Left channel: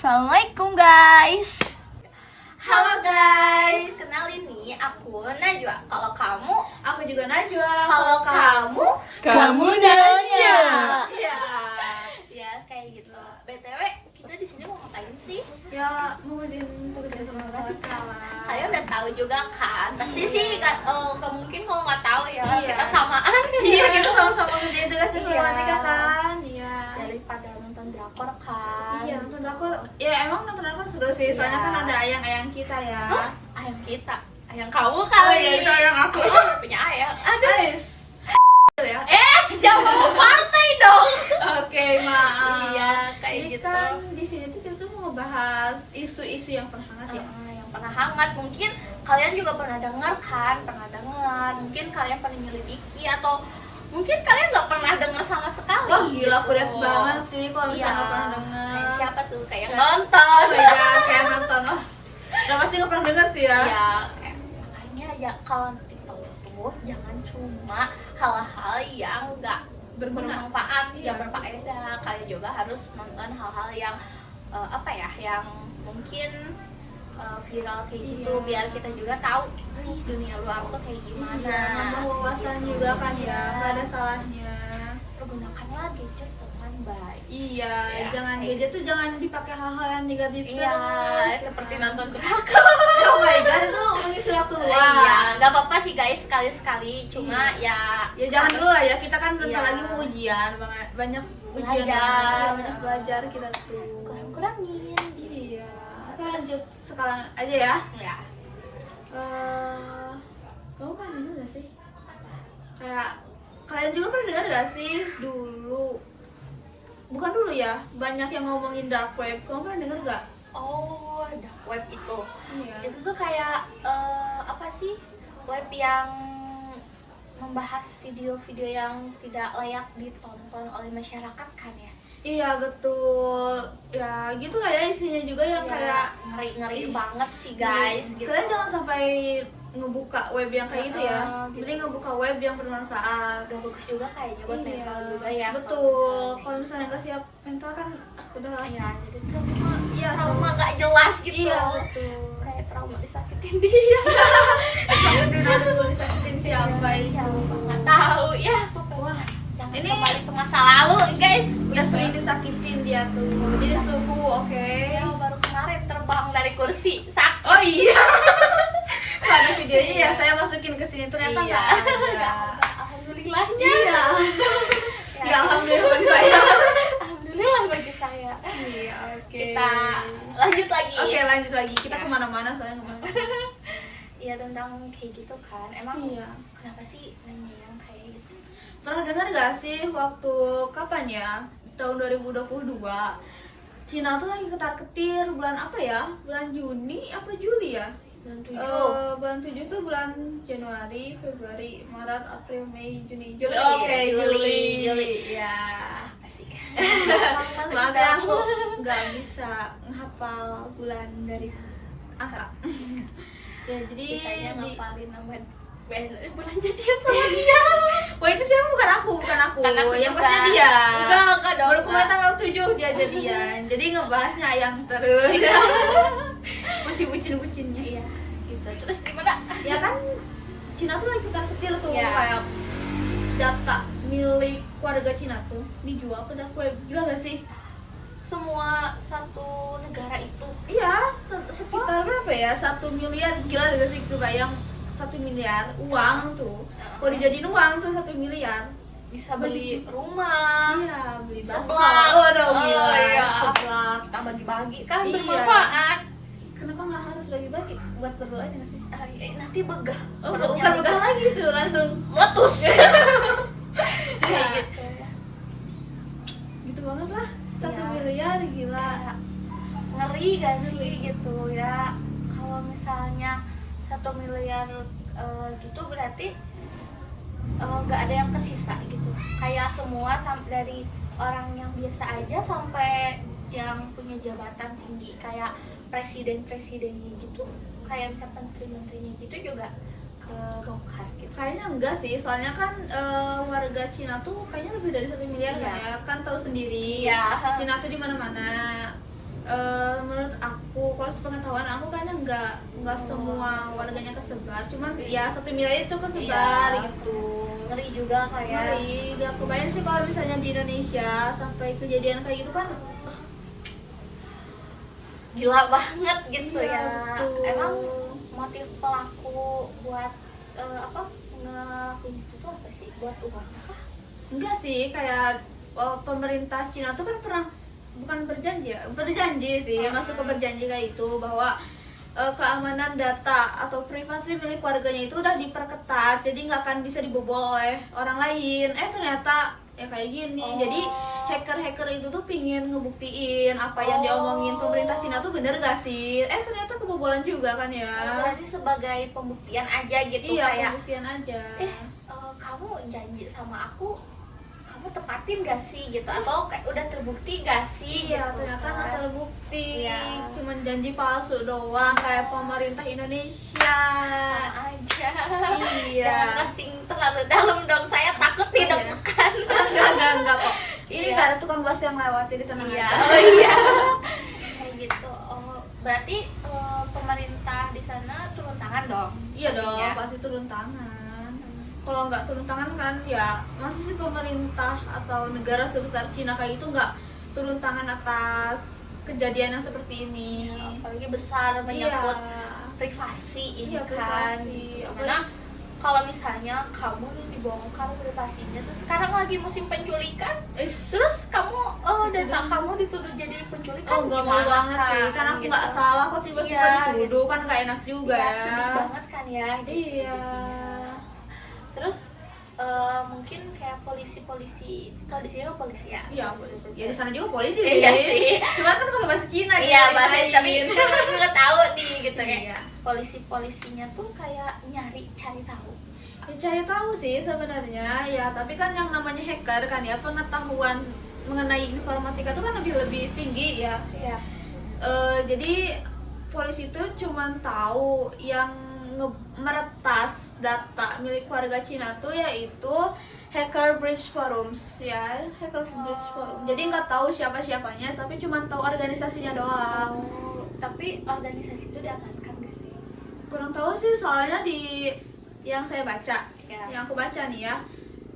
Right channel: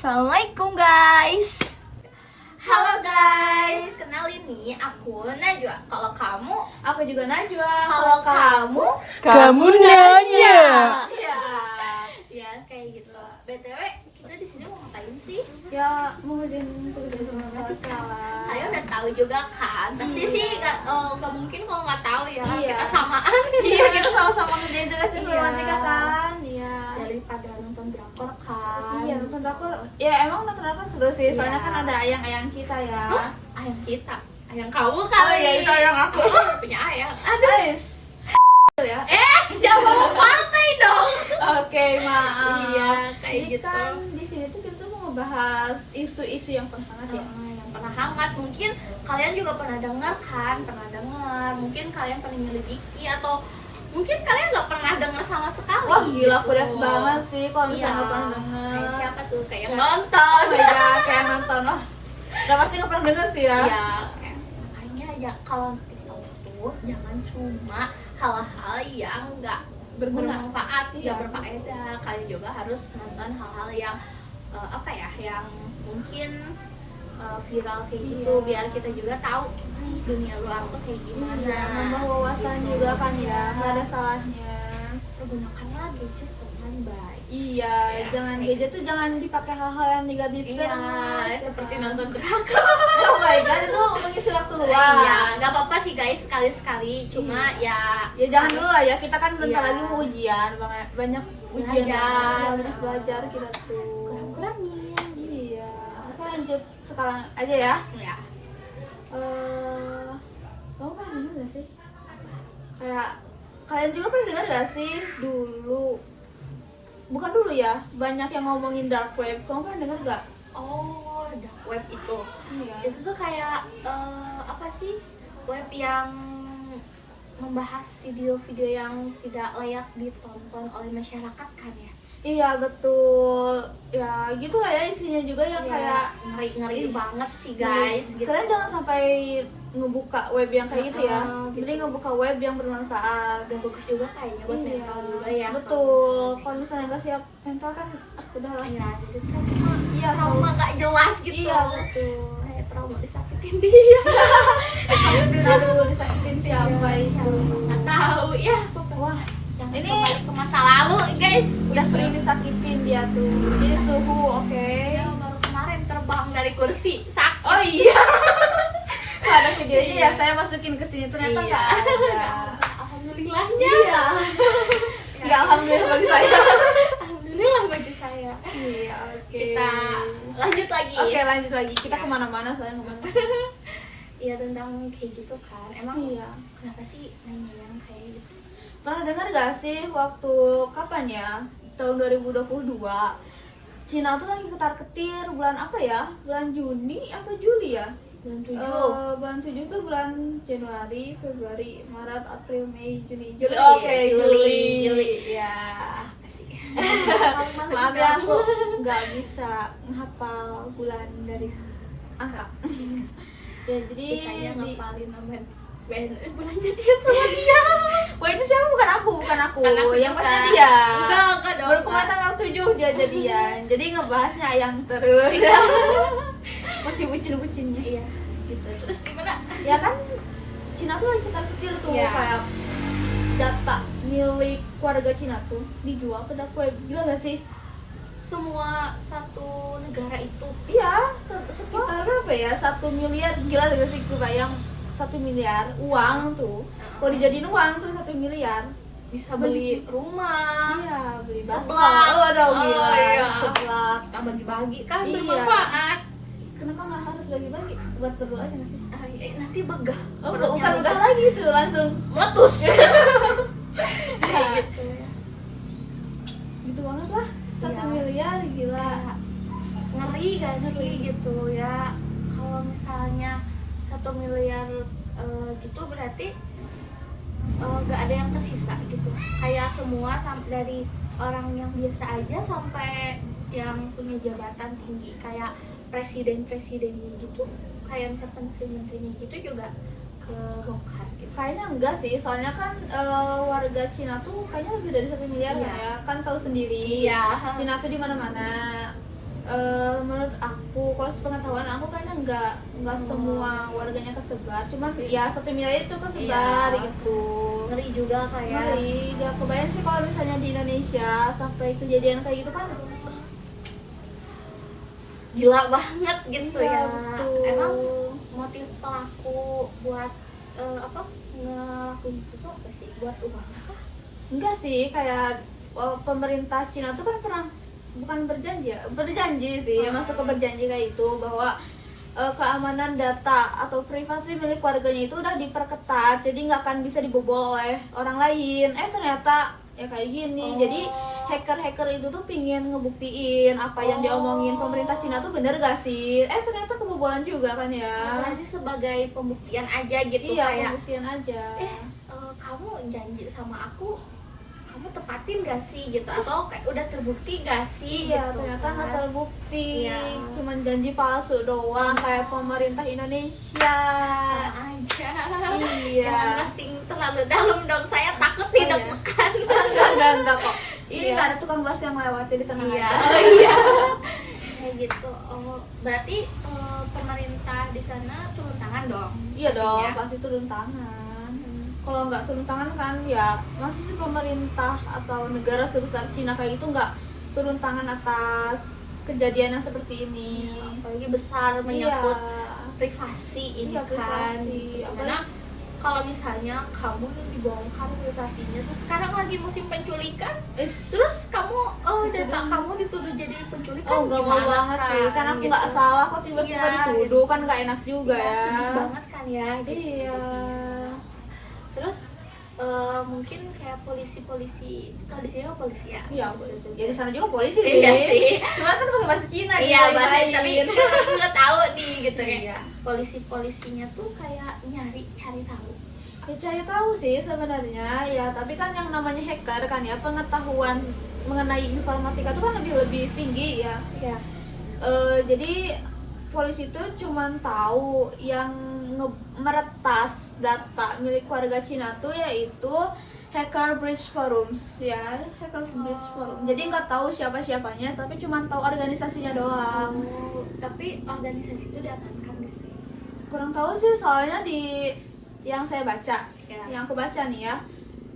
Assalamualaikum guys. Halo guys, kenalin nih aku Najwa. Kalau kamu, Aku juga Najwa. kalau kamu, Kamu nanya. ya kayak gitu. BTW, kita di sini mau ngapain sih? Ya mau ngerjain tugas rumah kita. Kalian udah tahu juga kan? Pasti Iya. sih, nggak mungkin kalau nggak tahu ya. Iya. Kita samaan. Iya kita sama-sama ngerjain tugas rumah Iya. kita kan. Iya. Daripada nonton drakor kan. Iya nonton drakor. Ya emang nonton drakor seru sih. Soalnya Iya. kan ada ayang-ayang kita ya. Ayang kita, ayang kamu Oh kali. iya itu ayang aku. Punya ayang. Guys. Ya. Jangan ngomong partai dong. Oke maaf. Iya, kayak Jadi gitu. kan di sini tuh kita tuh mau ngebahas isu-isu yang pernah hangat ya. Yang pernah hangat, mungkin kalian juga pernah dengar kan, mungkin kalian pernah nyelidiki atau mungkin kalian nggak pernah dengar sama sekali. Wah gila aku lihat gitu. banget sih kalau misalnya Iya. nggak pernah denger. Kayak siapa tuh kayak Kayak- nonton. Oh iya kayak nonton. Oh, udah pasti nggak pernah denger sih ya. Ya, makanya ya kalau TikTok tuh jangan cuma hal-hal yang nggak Berguna. bermanfaat, Iya. nggak berfaedah. Kalian juga harus nonton hal-hal yang apa ya, yang mungkin viral kayak gitu, Iya. biar kita juga tahu nih dunia luar tuh kayak gimana. Iya, nambah wawasan juga kan ya, nggak ada salahnya. Pergunakanlah gadget dengan baik. Iya, Ya, jangan kayak gadget tuh jangan dipakai hal-hal yang negatif Iya, terus, seperti kan. nonton drakor. Oh my god, itu mengisi waktu luang. Iya, nggak apa-apa sih guys, sekali-sekali. Cuma ya Ya jangan dulu lah ya, kita kan bentar Iya. lagi mau ujian, banyak ujian, Belajar. ya, banyak belajar kita tuh. kurang-kurangin. Iya, oke lanjut sekarang aja ya. Ya. Kamu pernah dengar gak sih? Kayak kalian juga pernah dengar gak sih dulu? Bukan dulu ya, banyak yang ngomongin dark web. Kamu pernah dengar gak? Oh, dark web itu. Iya. Itu tuh kayak apa sih? Web yang membahas video-video yang tidak layak ditonton oleh masyarakat kan ya? Iya betul. Ya gitulah ya isinya juga yang kayak ngeri-ngeri Ih. banget sih guys. Gitu. Kalian jangan sampai ngebuka web yang kayak gitu ya. Gitu. Jadi ngebuka web yang bermanfaat. Gak bagus juga kayaknya buat mental juga ya. Betul. Kalau misalnya nggak siap mental kan udah lah. Iya, jadi trauma, Iya, trauma gak jelas gitu. Iya betul. Kayak trauma disakitin dia. Aduh disakitin siapa itu? Nggak tahu ya. Wah, Jangan ini kembali ke masa lalu guys. udah sering disakitin dia tuh. Jadi suhu, oke. Ya, baru kemarin terbang dari kursi sakit. Oh iya. Kalau ada videonya ya saya masukin ke sini ternyata Iya. nggak ada. Alhamdulillahnya. Iya. Nggak alhamdulillah bagi saya. Alhamdulillah bagi saya. Iya, oke. Kita lanjut lagi. Oke, lanjut lagi. Kita Ya. kemana-mana soalnya kemana. Iya, tentang kayak gitu kan. Emang Iya. kenapa sih nanya yang kayak gitu? Pernah dengar gak sih waktu kapan ya? Tahun 2022. Cina tuh lagi ketar-ketir bulan apa ya? Bulan Juni apa Juli ya? Bulan 7. Bulan 7 tuh bulan Januari, Februari, Maret, April, Mei, Juni, Juli. Juli, Oke, Juli. Juli. Ya. Apa sih? Maaf ya aku nggak bisa menghafal bulan dari angka. Ya jadi Bisanya di- ngapalin nama bulan jadian sama dia. Wah itu siapa? Bukan aku. Kan aku Yang juga. pasti dia. Enggak dong. Baru kemarin tanggal 7 dia jadian. Jadi ngebahasnya yang terus. Masih bucin-bucinnya. Iya, gitu. Terus gimana? Ya kan Cina tuh lagi ketar-ketir tuh Iya. kayak data milik warga Cina tuh dijual ke dark web. Gila gak sih? Semua satu negara itu Iya, sekitar berapa ya? 1 miliar. Gila gak sih? Kebayang 1 miliar uang tuh. Kalau dijadiin uang tuh 1 miliar. bisa beli rumah. Iya, beli bakso. Seblak. Oh, aduh, Oh, gila. iya. Seblak. Kita bagi-bagi kan Iya. bermanfaat. Kenapa nggak harus bagi-bagi? Buat berdua aja nggak sih? Nanti begah. Oh, Perutnya bukan begah lagi tuh, langsung meletus. ya, Gitu. gitu banget lah. 1 Iya. miliar, gila. Kayak ngeri gak sih gitu ya, kalau misalnya 1 miliar gitu berarti gak ada yang kesisa gitu, kayak semua dari orang yang biasa aja sampai yang punya jabatan tinggi kayak presiden-presidennya gitu, kayak menteri-menterinya gitu juga kebongkar gitu. Kayaknya enggak sih, soalnya kan warga Cina tuh kayaknya lebih dari 1 miliar Iya. lah ya. Kan tahu sendiri. Iya. Cina tuh di mana-mana. Menurut aku, kalau sepengetahuan aku kayaknya nggak semua warganya kesebar, cuman ya satu wilayah itu kesebar Iya. gitu. Ngeri juga kayak. Ngeri, gak kebayang sih kalau misalnya di Indonesia sampai kejadian kayak gitu kan. Gila banget gitu Iya, ya. betul. Emang motif pelaku buat ngelakuin itu tuh apa sih? Buat uang apa? Enggak sih, kayak pemerintah Cina tuh kan pernah, bukan berjanji sih, masuk ke berjanji kayak itu bahwa keamanan data atau privasi milik warganya itu udah diperketat, jadi nggak akan bisa dibobol oleh orang lain. Ternyata ya kayak gini. Jadi hacker-hacker itu tuh pingin ngebuktiin apa yang diomongin pemerintah Cina tuh bener gak sih. Ternyata kebobolan juga kan ya. Berarti sebagai pembuktian aja gitu. Iya, kayak pembuktian aja. kamu janji sama aku, kamu tepatin gak sih gitu, atau kayak udah terbukti gak sih Iya, gitu, ternyata nggak kan? terbukti. Iya. Cuman janji palsu doang kayak pemerintah Indonesia. Sama aja. Iya. Jangan roasting terlalu dalam dong, saya takut tidak iya. tekan. Enggak kok. Ini Iya. nggak ada tukang bakso yang lewat di tengah Iya. aja. Iya. Kayak gitu. Berarti pemerintah di sana turun tangan dong? Iya dong, pastinya. pasti turun tangan. Kalau nggak turun tangan kan ya masa sih pemerintah atau negara sebesar Cina kayak itu nggak turun tangan atas kejadian yang seperti ini. Apalagi besar, menyangkut Iya. privasi ini Iya, kan. privasi. Karena kalau misalnya kamu nih dibongkar privasinya, terus sekarang lagi musim penculikan, terus kamu data kamu dituduh jadi penculik kan Nggak mau gimana banget sih, kan, karena aku gitu. nggak salah kok tiba-tiba Iya, dituduh kan nggak enak juga Iya, ya. sedih banget kan ya gitu. Iya. Terus mungkin kayak polisi-polisi, kalau di sini kan polisi ya. Iya, ya di sana juga polisi sih. Iya sih. Cuman kan pakai bahasa Cina Iya, gitu, bahasa lain. tapi aku nggak tahu nih gitu kan. Iya. Polisi-polisinya tuh kayak cari tahu. Ya, cari tahu sih sebenarnya ya, tapi kan yang namanya hacker kan ya, pengetahuan mengenai informatika itu kan lebih tinggi ya. Iya. Jadi polisi itu cuman tahu yang meretas data milik warga Cina tuh yaitu Hacker Bridge Forums ya, Hacker Bridge Forum. Jadi nggak tahu siapa-siapanya, tapi cuman tahu organisasinya doang. Tapi organisasi itu diamankan nggak sih? Kurang tahu sih, soalnya di yang saya baca, Ya. yang aku baca nih ya,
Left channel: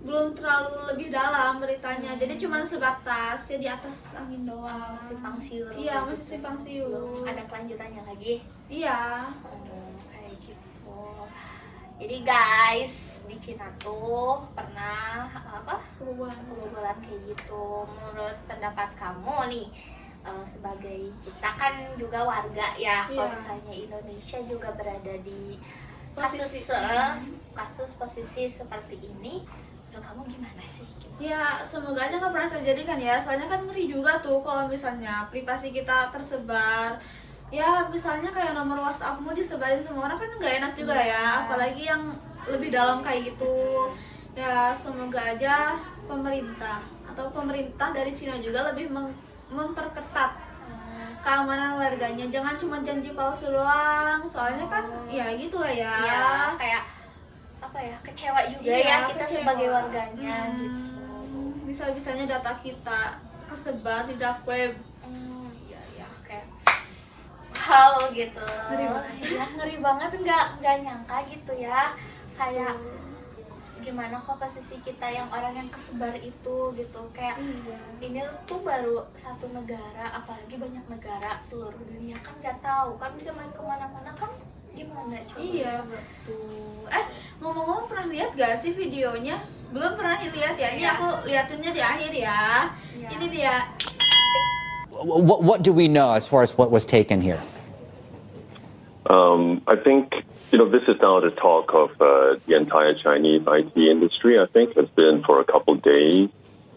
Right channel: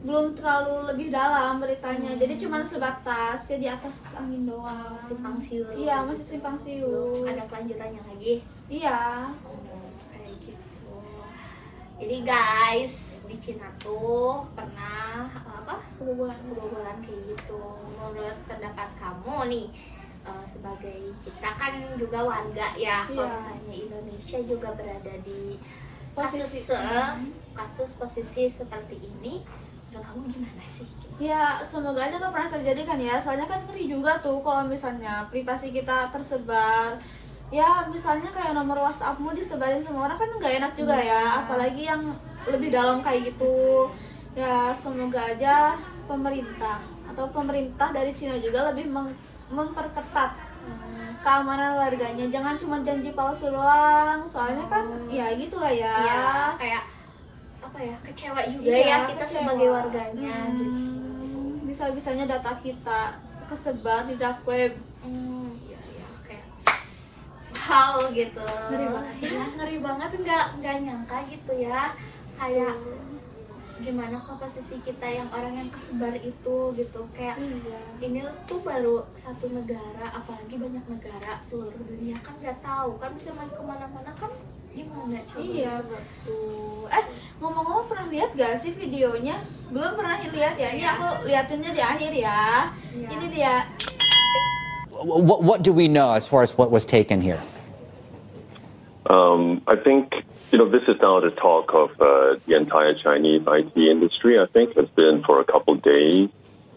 belum terlalu lebih dalam beritanya. Jadi cuma sebatas ya di atas angin doang. Simpang siur. Iya, masih simpang siur. Ada kelanjutannya lagi. Iya. Kayak gitu. Jadi guys, di Cina tuh pernah kebobolan kayak gitu. Menurut pendapat kamu nih, sebagai kita kan juga warga ya, kalau Iya. misalnya Indonesia juga berada di Posisi. kasus posisi seperti ini, menurut kamu gimana sih? Ya, semoga aja nggak pernah terjadi kan ya. Soalnya kan ngeri juga tuh kalau misalnya privasi kita tersebar. Ya, misalnya kayak nomor WhatsAppmu disebarin semua orang kan nggak enak juga ya. Apalagi yang lebih dalam kayak gitu. Ya, semoga aja pemerintah dari Cina juga lebih memperketat keamanan warganya. Jangan cuma janji palsu doang. Soalnya kan ya gitulah ya. Ya, kayak apa ya, kecewa juga Iya, ya kita kecewa. sebagai warganya gitu. Bisa-bisanya data kita kesebar di dark web. Ya, kayak wow gitu. Ngeri banget. Ya, ngeri banget, nggak nyangka gitu ya. Kayak gimana komposisi kita yang orang yang kesebar itu gitu, kayak Iya. ini tuh baru satu negara, apalagi banyak negara seluruh dunia kan nggak tahu kan, bisa main kemana-mana kan, gimana coba? Iya, betul. Ngomong-ngomong, pernah lihat gak sih videonya? Belum pernah lihat ya. Ini aku liatinnya di akhir ya. Iya. Ini dia. What do we know as far as what was taken here? I think, this is now the talk of the entire Chinese IT industry. I think it's been for a couple days.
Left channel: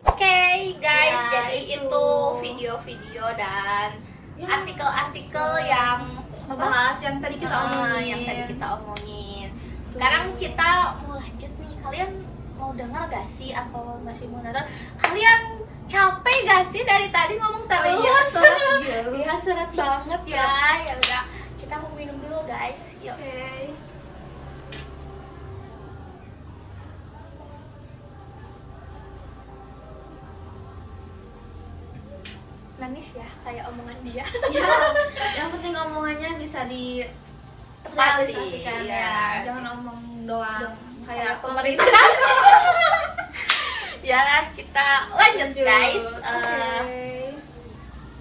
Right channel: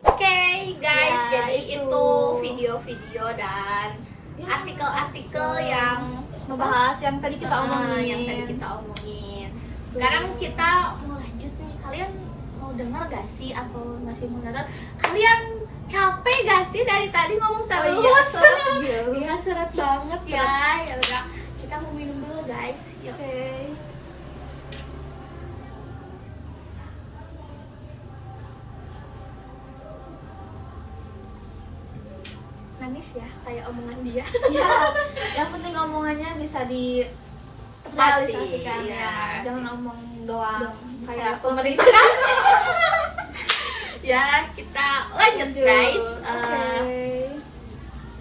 Oke, guys, Ya, jadi itu. itu video-video dan Ya. artikel-artikel yang Ngebahas yang tadi kita omongin. yang tadi kita omongin. Sekarang kita mau lanjut nih. Kalian mau dengar gak sih atau masih mau nonton? Kalian capek gak sih dari tadi ngomong terus? Oh iya, seret gitu. Iya, seret banget ya. Ya udah, kita mau minum dulu guys. Yuk. Oke. manis ya kayak omongan dia. Ya, yang penting omongannya bisa realisasikan iya. ya, jangan omong doang kayak Kayak pemerintah. Ya kita lanjut guys. Oke.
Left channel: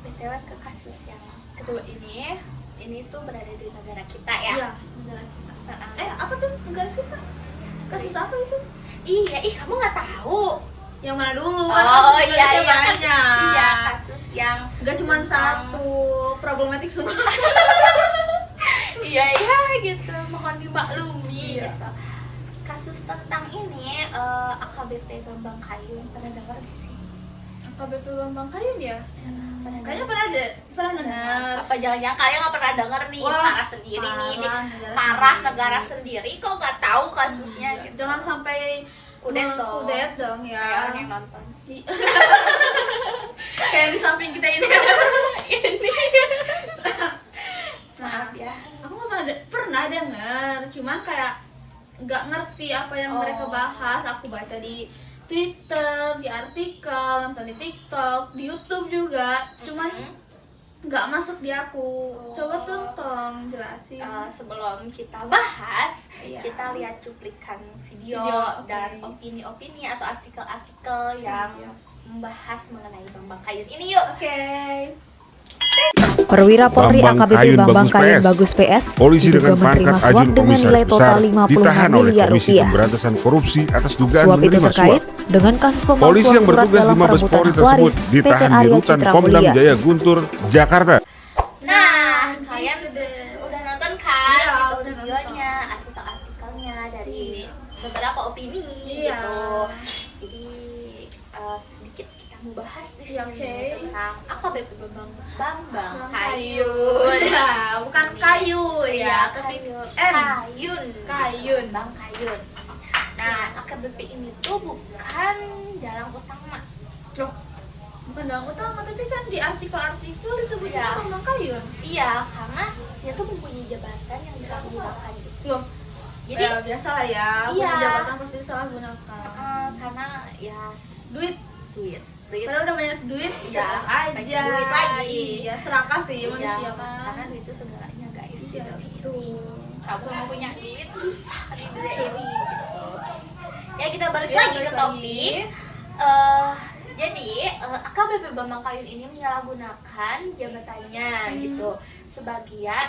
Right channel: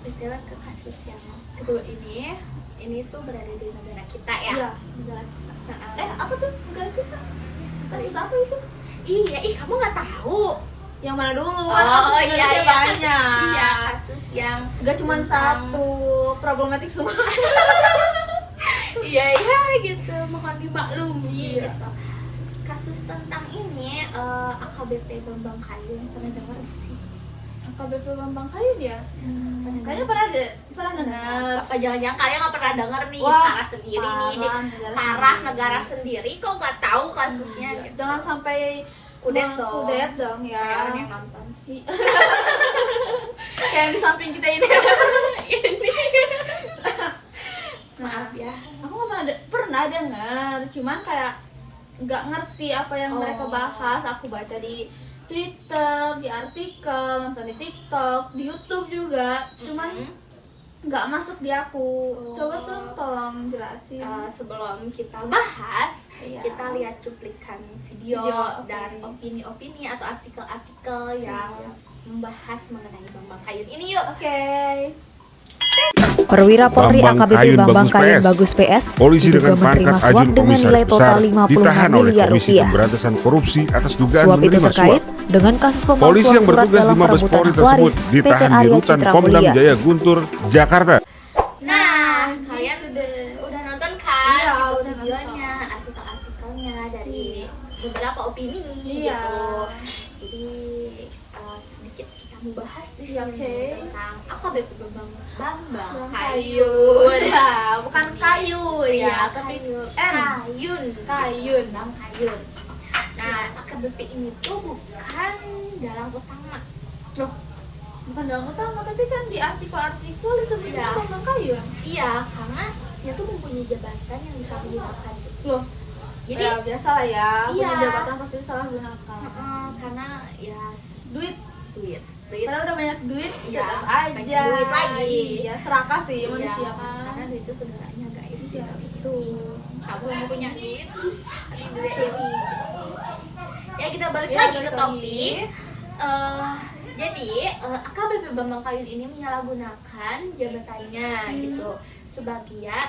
BTW ke kasus yang kedua ini tuh berada di negara kita ya. Iya, negara kita. Heeh. Apa tuh negara kita? Kasus apa itu? Iya, kamu nggak tahu? Yang mana dulu? Oh, Kan kasus iya, Indonesia iya, banyak. Iya, kasus yang Gak cuma tentang- satu problematik semua. Iya gitu, mohon dimaklumi gitu. Kasus tentang ini AKBP Bambang Kayun, pernah dengar nggak sih? AKBP Bambang Kayun ya? Kayaknya pernah dengar. Apa jangan-jangan kalian nggak pernah dengar nih? Wah, parah sendiri nih, parah negara sendiri kok nggak tahu kasusnya Iya, gitu. jangan sampai Kudet dong. kudet dong ya. Kayak yang nonton. Kayak di samping kita ini. Maaf ya. Aku nggak pernah dengar, cuman kayak nggak ngerti apa yang mereka bahas. Aku baca di Twitter, di artikel, nonton di TikTok, di YouTube juga, cuman nggak masuk di aku. Coba tuh tolong jelasin. Sebelum kita bahas, Iya. kita lihat cuplikan video, Video, dan oke. opini-opini atau artikel-artikel yang Iya. membahas mengenai Bambang Kayun ini yuk. Oke. Perwira Polri Bambang AKBP Kayun Bambang Kayun Bagus Bagus PS Polisi diduga dengan menerima pangkat suap Ajun dengan nilai Komisaris total Besar 56 ditahan oleh miliar Komisi rupiah. Pemberantasan Korupsi atas dugaan Suap itu menerima terkait suap. dengan kasus Polisi pemalsuan yang surat bertugas dalam di Mabes perebutan Polri hak tersebut waris PT ditahan di Arya rutan Citra Pomdam Mulia. Jaya Guntur, Jakarta. Nah, kalian gitu deh. udah nonton kan Iya, gitu udah videonya, artikel-artikelnya dari beberapa opini Iya. gitu. Jadi sedikit kita membahas di Iya, sini oke. tentang AKBP Bambang Kayu. Kayun. Ya, bukan kayu ya, tapi Kayun. Kayun. Bang Kayun. Nah, AKBP ini tuh bukan dalang utama. Loh, bukan dalam utama, tapi kan di artikel-artikel disebutnya Iya. Bambang Kayun. Iya, karena dia tuh mempunyai jabatan yang bisa digunakan gitu. Loh, Jadi ya biasa lah ya, punya Iya. jabatan pasti salah gunakan. karena ya Duit, duit. padahal udah banyak duit, Iya, tetap banyak aja. duit lagi. Iya, serakah sih Iya, manusia karena kan. duit itu segalanya guys. Iya, betul. Kamu yang punya duit susah di dunia ini. Gitu. Ya kita balik Iya, lagi balik ke lagi. topik. Jadi AKBP Bambang Kayun ini menyalahgunakan jabatannya gitu sebagai Iya,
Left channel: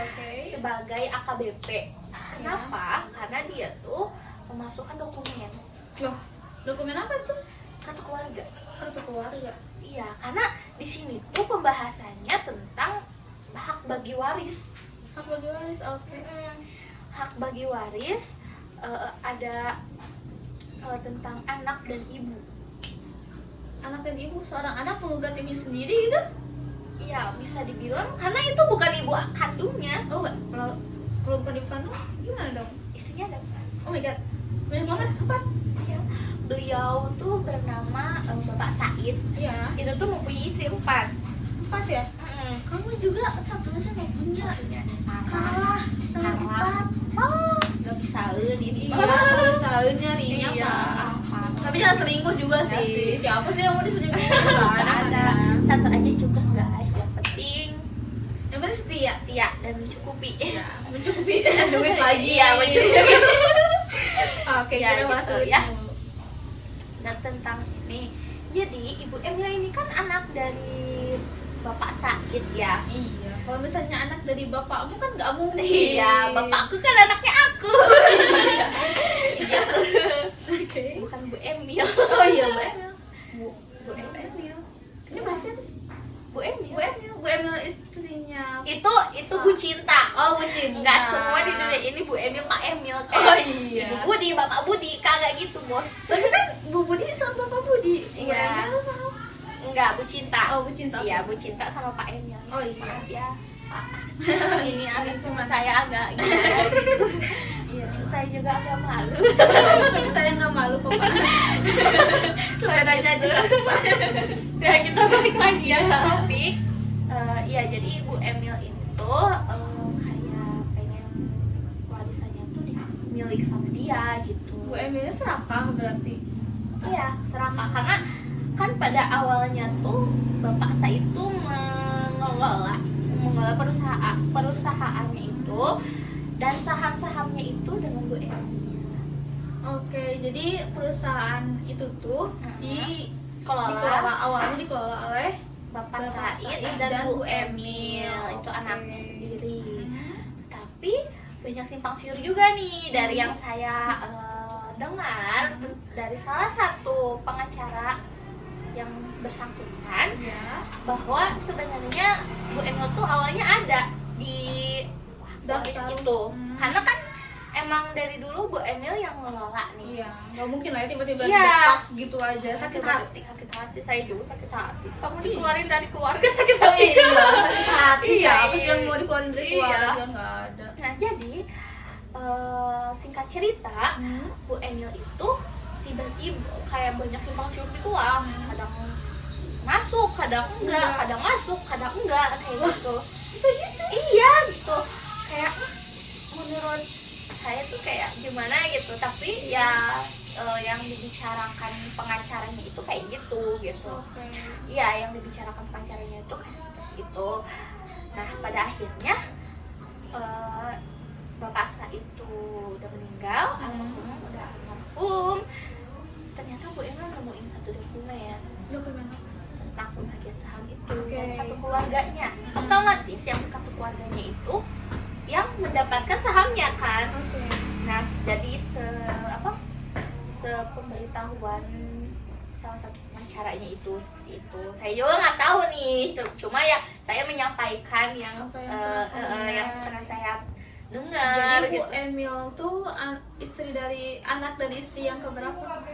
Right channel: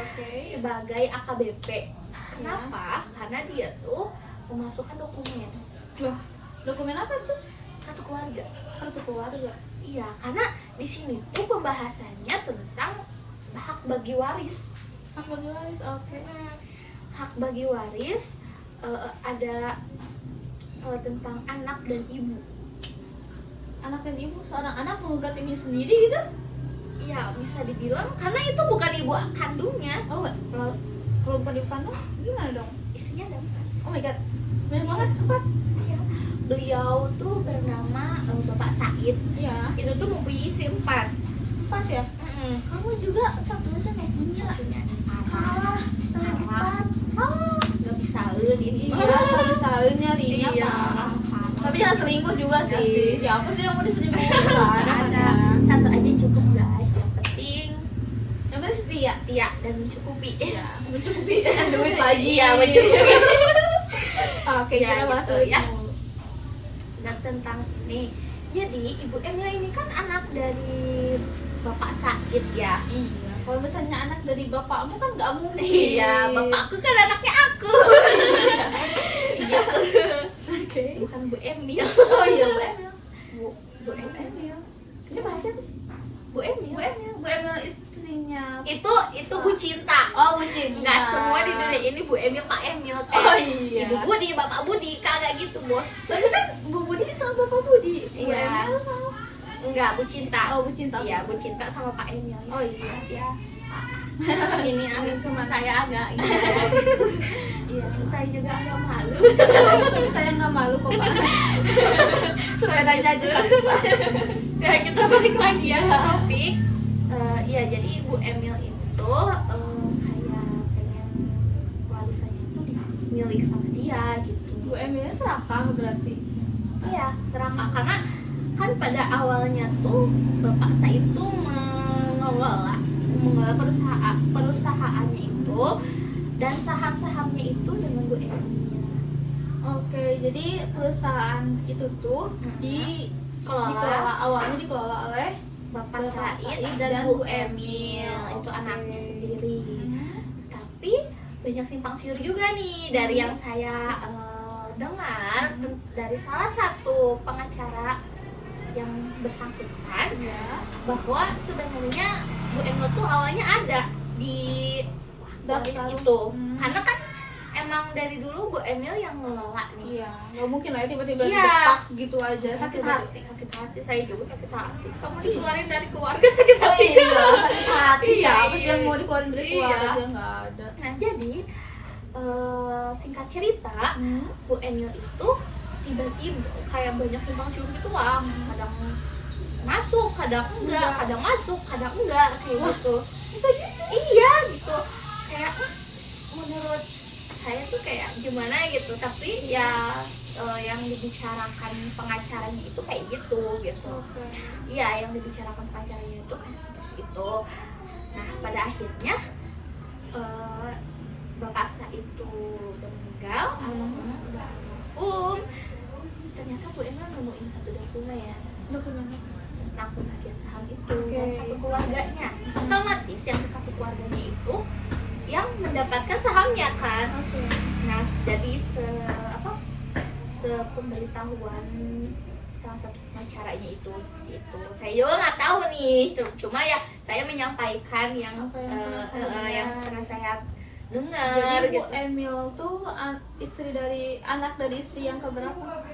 oke. sebagai AKBP. Kenapa? Karena dia tuh memasukkan dokumen Loh, dokumen apa tuh? kartu keluarga. Kartu keluarga. Iya, karena di sini tuh pembahasannya tentang hak bagi waris. Hak bagi waris, oke. Hak bagi waris ada tentang anak dan ibu. Anak dan ibu, seorang anak menggugat ibunya sendiri gitu? Iya, bisa dibilang karena itu bukan ibu kandungnya. Oh, kalau bukan ibu kandung, gimana dong? Istrinya ada 4. Oh my god, banyak banget, 4. Ya, beliau tuh bernama Bapak Said. Iya, Itu tuh mempunyai istri 4. 4 ya? Kamu juga satu-satunya nggak punya. Satunya Kalah, Oh, nggak bisa ini. Iya, selalu nyarinya Iya, Pak. parah. Tapi jangan selingkuh juga Ya sih. sih. Siapa sih yang mau diselingkuhin? Gak ada, Nggak ada. Satu aja cukup guys. Yang penting Yang penting setia. setia dan mencukupi. Ya, mencukupi duit lagi. Iya, mencukupi. Oke, Ya, kita gitu, masuk ya. Dan tentang ini, jadi Ibu Emil ini kan anak dari Bapak Said ya. Iya, kalau misalnya anak dari bapakmu kan nggak mungkin. Iya, bapakku kan anaknya aku. Oke. Bukan Bu Emil. Oh iya, Bu Emil. Bu Emil. Ini bahasnya apa sih? Bu Emil. Bu Emil istrinya. Itu Bu Cinta. Oh, Bu Cinta. Enggak semua di dunia ini Bu Emil, Pak Emil. Oh, iya. Ibu Budi, Bapak Budi, kagak gitu, Bos. Tapi kan Bu Budi sama Bapak Budi. Bu Iya. Emil sama. Enggak, Bu Cinta. Oh, Bu Cinta. Iya, Bu Cinta sama Pak Emil. Oh iya. Ya. Ini aneh cuma saya agak gitu. Iya, saya juga agak malu. Tapi saya nggak malu kok Pak. Sepedanya aja takut Pak. Ya, kita balik lagi ya ke topik. Iya, jadi Ibu Emil itu kayak pengen warisannya tuh milik sama dia gitu. Bu Emilnya serakah berarti. Iya, serakah karena kan pada awalnya tuh bapak saya itu mengelola perusahaannya itu, dan saham-sahamnya itu dengan Bu Emil. Oke, jadi perusahaan itu tuh dikelola awalnya oleh Bapak Bapak Said Said dan dan Bu Bu Emil, itu Oke. anaknya sendiri. Tapi banyak simpang siur juga nih dari yang saya dengar dari salah satu pengacara yang bersangkutan, ya bahwa sebenarnya Bu Emil tuh awalnya ada di Waris Daftar. itu, Hmm. karena kan emang dari dulu Bu Emil yang ngelola nih. iya, nggak mungkin lah ya tiba-tiba Iya. didepak gitu aja. Sakit hati, saya juga sakit hati. Kamu Iya. dikeluarin dari keluarga sakit hati. Iya, sakit hati. Iya, Siapa sih yang iya. mau dikeluarin dari Iya. keluarga? Nggak ada. Nah, jadi singkat cerita, Bu Emil itu tiba-tiba kayak banyak simpang siur gitu lah. Kadang masuk, kadang enggak, kadang masuk, kadang enggak, kayak gitu. Bisa gitu? Iya, gitu. Kayak menurut saya tuh kayak gimana gitu. Tapi ya yang dibicarakan pengacaranya itu kayak gitu. Oke. Iya, yang dibicarakan pengacaranya itu itu. Nah, pada akhirnya bapak saya itu udah meninggal, almarhum udah almarhum. Ternyata Bu Emil nemuin satu dokumen Dokumen. tentang pembagian saham itu Oke. dan kartu keluarganya. Otomatis yang di kartu keluarganya itu yang mendapatkan sahamnya kan. Oke. Nah, jadi sepemberitahuan salah satu pengacaranya itu seperti itu. Saya juga nggak tahu nih, cuma ya saya menyampaikan yang Apa yang yang pernah saya dengar. Jadi Bu Gitu. Emil tuh anak dari istri yang keberapa?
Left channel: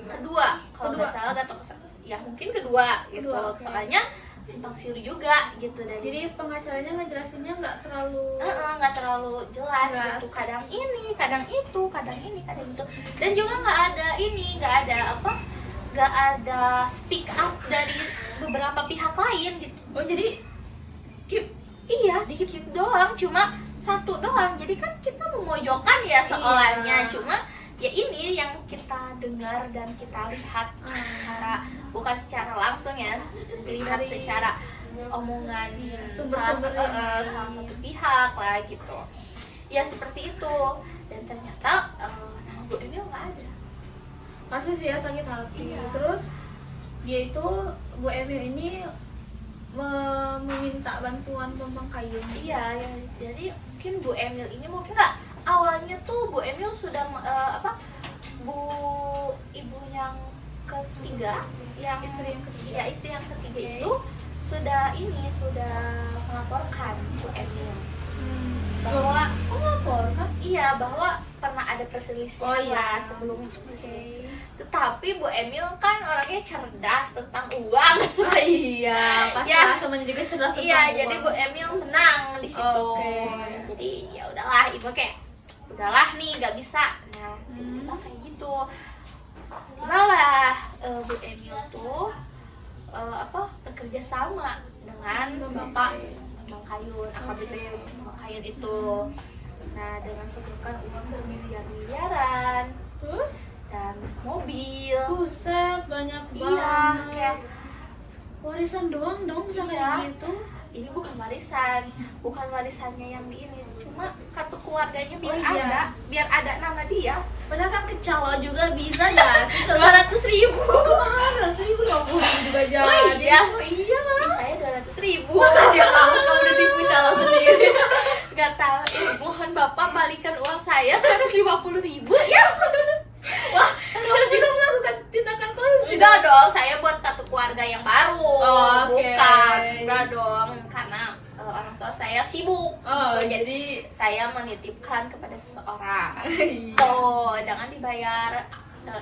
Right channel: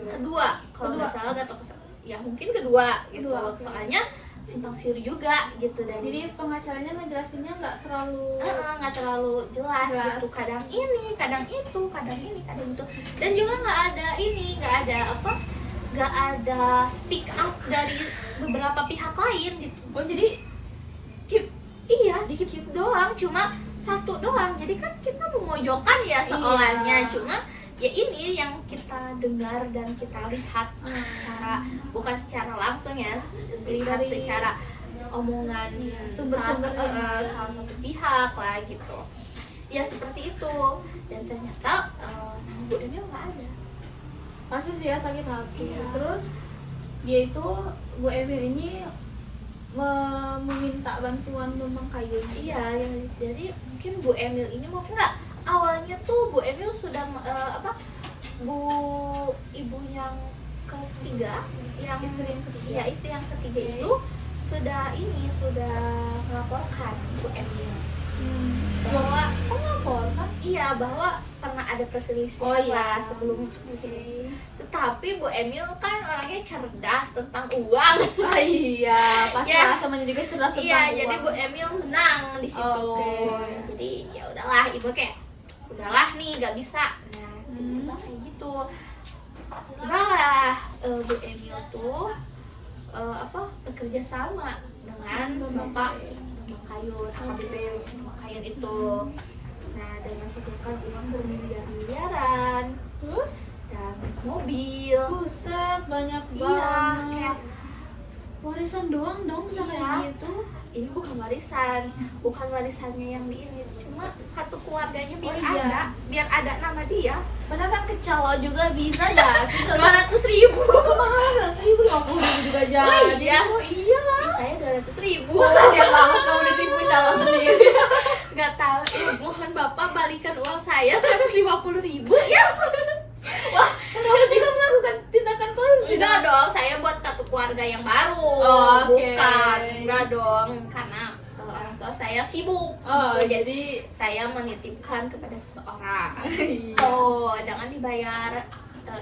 Kedua, kalau Kedua. nggak salah atau ya mungkin kedua gitu. Kedua, oke. Soalnya simpang siur juga gitu, dan Jadi pengacaranya ngejelasinnya nggak terlalu nggak terlalu jelas Jelas. gitu, kadang ini kadang itu, kadang ini kadang itu, dan juga nggak ada speak up dari beberapa pihak lain gitu. Oh, jadi Iya, dikit doang, cuma satu doang. Jadi kan kita memojokkan ya seolahnya, Iya. cuma ya ini yang kita dengar dan kita lihat bukan secara langsung ya, lihat Dari secara omongan sumber-sumbernya. salah satu pihak lah gitu. Ya seperti itu. Dan ternyata nama Bu Emil nggak ada. pasti sih ya sakit hati. Iya. Terus dia itu Bu Emil ini meminta bantuan Memang Kayun. Iya, ya, jadi mungkin Bu Emil ini mau enggak, awalnya tuh Bu Emil sudah ibu yang ketiga, yang Istri yang ketiga. ya, istri yang ketiga Oke. itu sudah melaporkan Bu Emil bahwa melaporkan? iya, bahwa pernah ada perselisihan Oh, iya. lah sebelum. Tetapi Bu Emil kan orangnya cerdas tentang uang. Oh iya, pasti Ya. samanya juga cerdas tentang Iya, uang. jadi Bu Emil menang di situ. Oke. Jadi ya udahlah, ibu kayak udahlah nih, nggak bisa. Nah, jadi kita kayak gitu. Udahlah, Bu Emil tuh bekerja sama dengan Bapak Memang Kayun, AKBP Memang Kayun itu. Nah, dengan sisihkan uang bermiliar-miliaran Terus dan mobil. buset, banyak Iya, banget. kayak Warisan doang dong sampai Iya. gitu. ini bukan warisannya yang di ini, cuma kartu keluarganya biar Oh, iya. ada nama dia. Padahal kan kecalo juga bisa gak sih? 200.000. Kemahalan 1.050 juga jadi. Oh, iya. Oh, iya lah. Saya 200.000. Makasih banget kamu ditipu calo sendiri. Nggak tahu, mohon Bapak balikan uang saya 150.000 ya. Wah, kamu juga melakukan tindakan korupsi. Enggak dong, saya buat kartu keluarga yang baru. Oh, oke. Bukan, enggak dong, karena orang tua saya sibuk. Oh, Gitu. jadi Saya menitipkan kepada seseorang. iya. Oh, jangan dibayar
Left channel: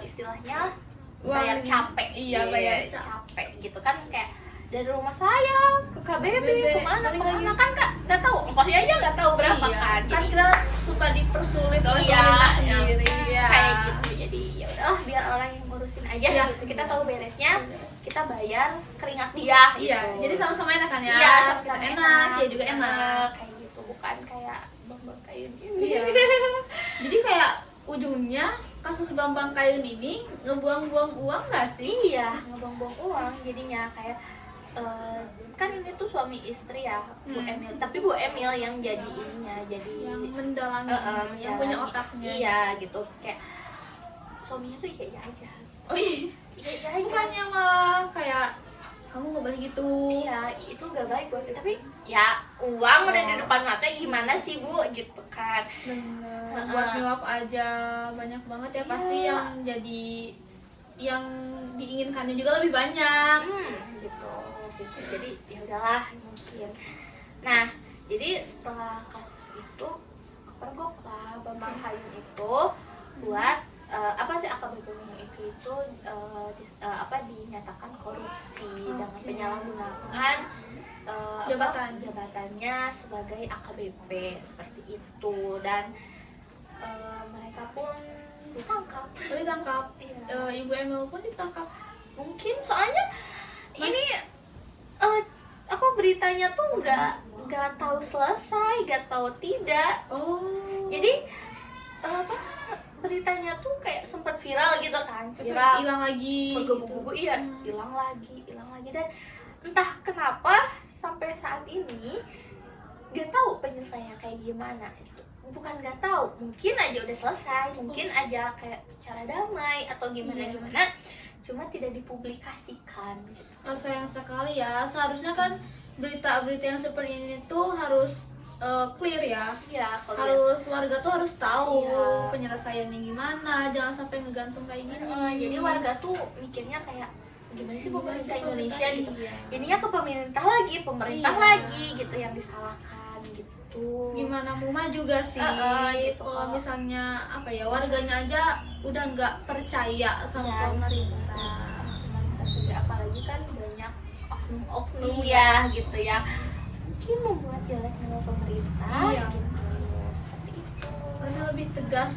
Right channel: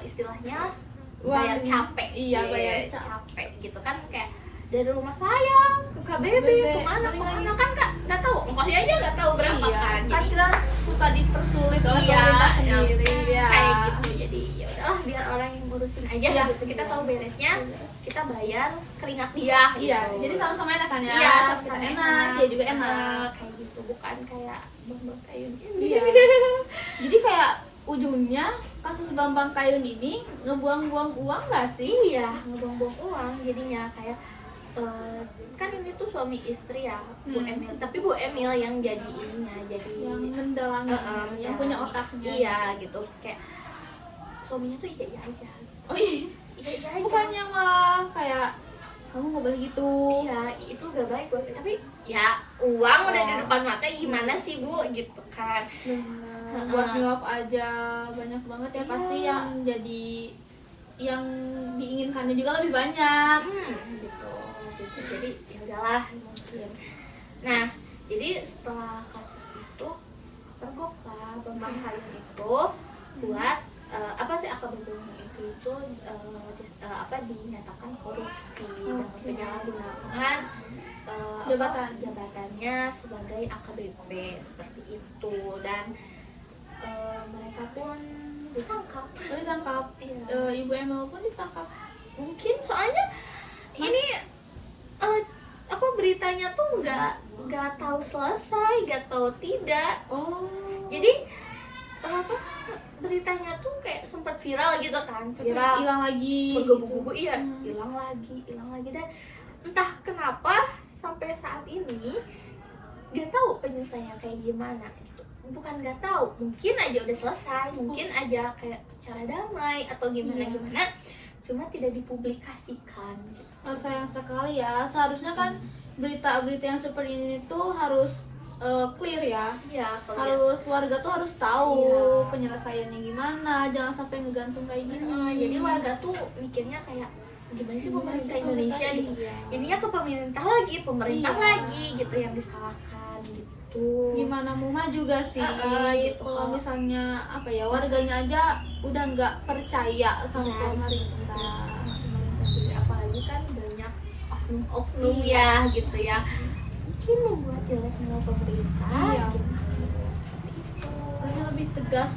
istilahnya bayar Uang- capek. Iya, bayar capek. capek gitu kan, kayak dari rumah saya ke KBB BB, kemana balik kemana lagi. kan Kak nggak tahu, ongkosnya aja nggak tahu berapa Iya, kan. kan Jadi, kita suka dipersulit oleh iya, pemerintah sendiri. Iya. kayak gitu. Jadi ya udahlah, biar orang yang ngurusin aja Iya, gitu. Kita iya. tahu beresnya, kita bayar keringat dia. Iya, gitu. jadi sama-sama enak kan ya? Iya, sama-sama Kita enak, dia juga enak. kayak gitu, bukan kayak bang kayak gitu. Iya. Jadi kayak ujungnya kasus Bambang Kayun ini ngebuang-buang uang nggak sih? Iya, ngebuang-buang uang jadinya kayak kan ini tuh suami istri ya, Bu Emil. Tapi Bu Emil yang jadi ininya, jadi Yang mendalangi, yang punya otaknya. Iya gitu, kayak suaminya tuh iya aja. Oh iya. Iya aja. Bukannya malah kayak kamu nggak boleh gitu. Iya, itu gak baik buat tapi ya uang udah di depan mata gimana sih Bu gitu kan. Bener. Buat nyuap aja banyak banget ya pasti Iya. yang jadi yang diinginkannya juga lebih banyak. Gitu. Jadi ya udahlah mungkin. Nah, jadi setelah kasus itu kepergok lah Bambang Kayun itu buat apa sih AKBP-nya itu dinyatakan korupsi dengan penyalahgunaan jabatannya sebagai AKBP seperti itu, dan mereka pun ditangkap. Iya. Ibu Emil pun ditangkap. Mungkin soalnya ini apa beritanya tuh nggak tahu selesai, nggak tahu tidak. Oh. Jadi apa beritanya tuh kayak sempat viral gitu kan, viral Hilang lagi. bergebu-gebu, iya hilang lagi dan entah kenapa sampai saat ini nggak tahu penyelesaiannya kayak gimana gitu. Bukan nggak tahu, mungkin aja udah selesai, mungkin aja kayak secara damai atau gimana, cuma tidak dipublikasikan gitu. Sayang sekali ya. Seharusnya kan berita-berita yang seperti ini tuh harus clear ya. Iya, kalau Harus warga tuh harus tahu Iya. penyelesaiannya gimana, jangan sampai ngegantung kayak gini. jadi warga tuh mikirnya kayak gimana sih pemerintah Indonesia gitu. Iya. Jadinya ke pemerintah Iya. lagi gitu yang disalahkan gitu. Gimana mau maju gak sih? Gitu. Kalau misalnya apa ya, warganya aja udah nggak percaya sama Iya. pemerintah. Pemerintah sendiri apalagi kan banyak oknum-oknum Iya. ya gitu ya. Mungkin membuat jelek nama pemerintah. Iya. Gitu. Seperti itu. Harusnya lebih tegas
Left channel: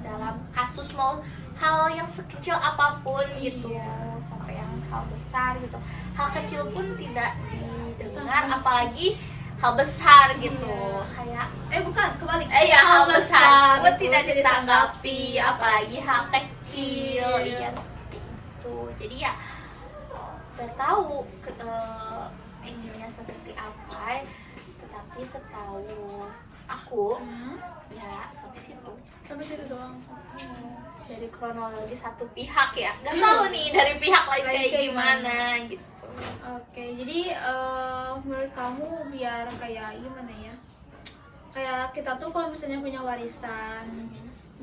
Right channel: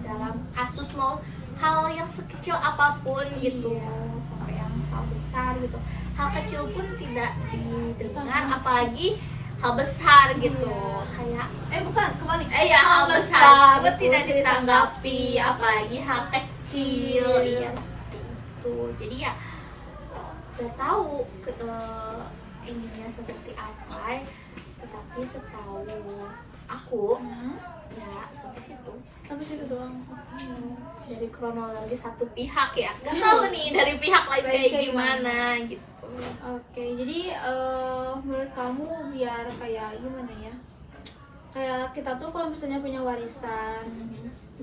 Dalam kasus mau hal yang sekecil apapun gitu, Iya. sampai yang hal besar gitu. Hal kecil pun tidak didengar, Tangkap. apalagi hal besar gitu. Iya. Kayak bukan kebalik. ya hal besar pun itu tidak ditanggapi. ditanggapi, apalagi hal kecil. Iya. Ya seperti itu. Jadi ya nggak tahu ininya seperti apa, tetapi setahu aku ya sampai situ. Sampai situ doang. Dari kronologi satu pihak ya, nggak tahu nih dari pihak lain kayak gimana gitu. Oke, jadi menurut kamu biar kayak gimana ya? Kayak kita tuh kalau misalnya punya warisan,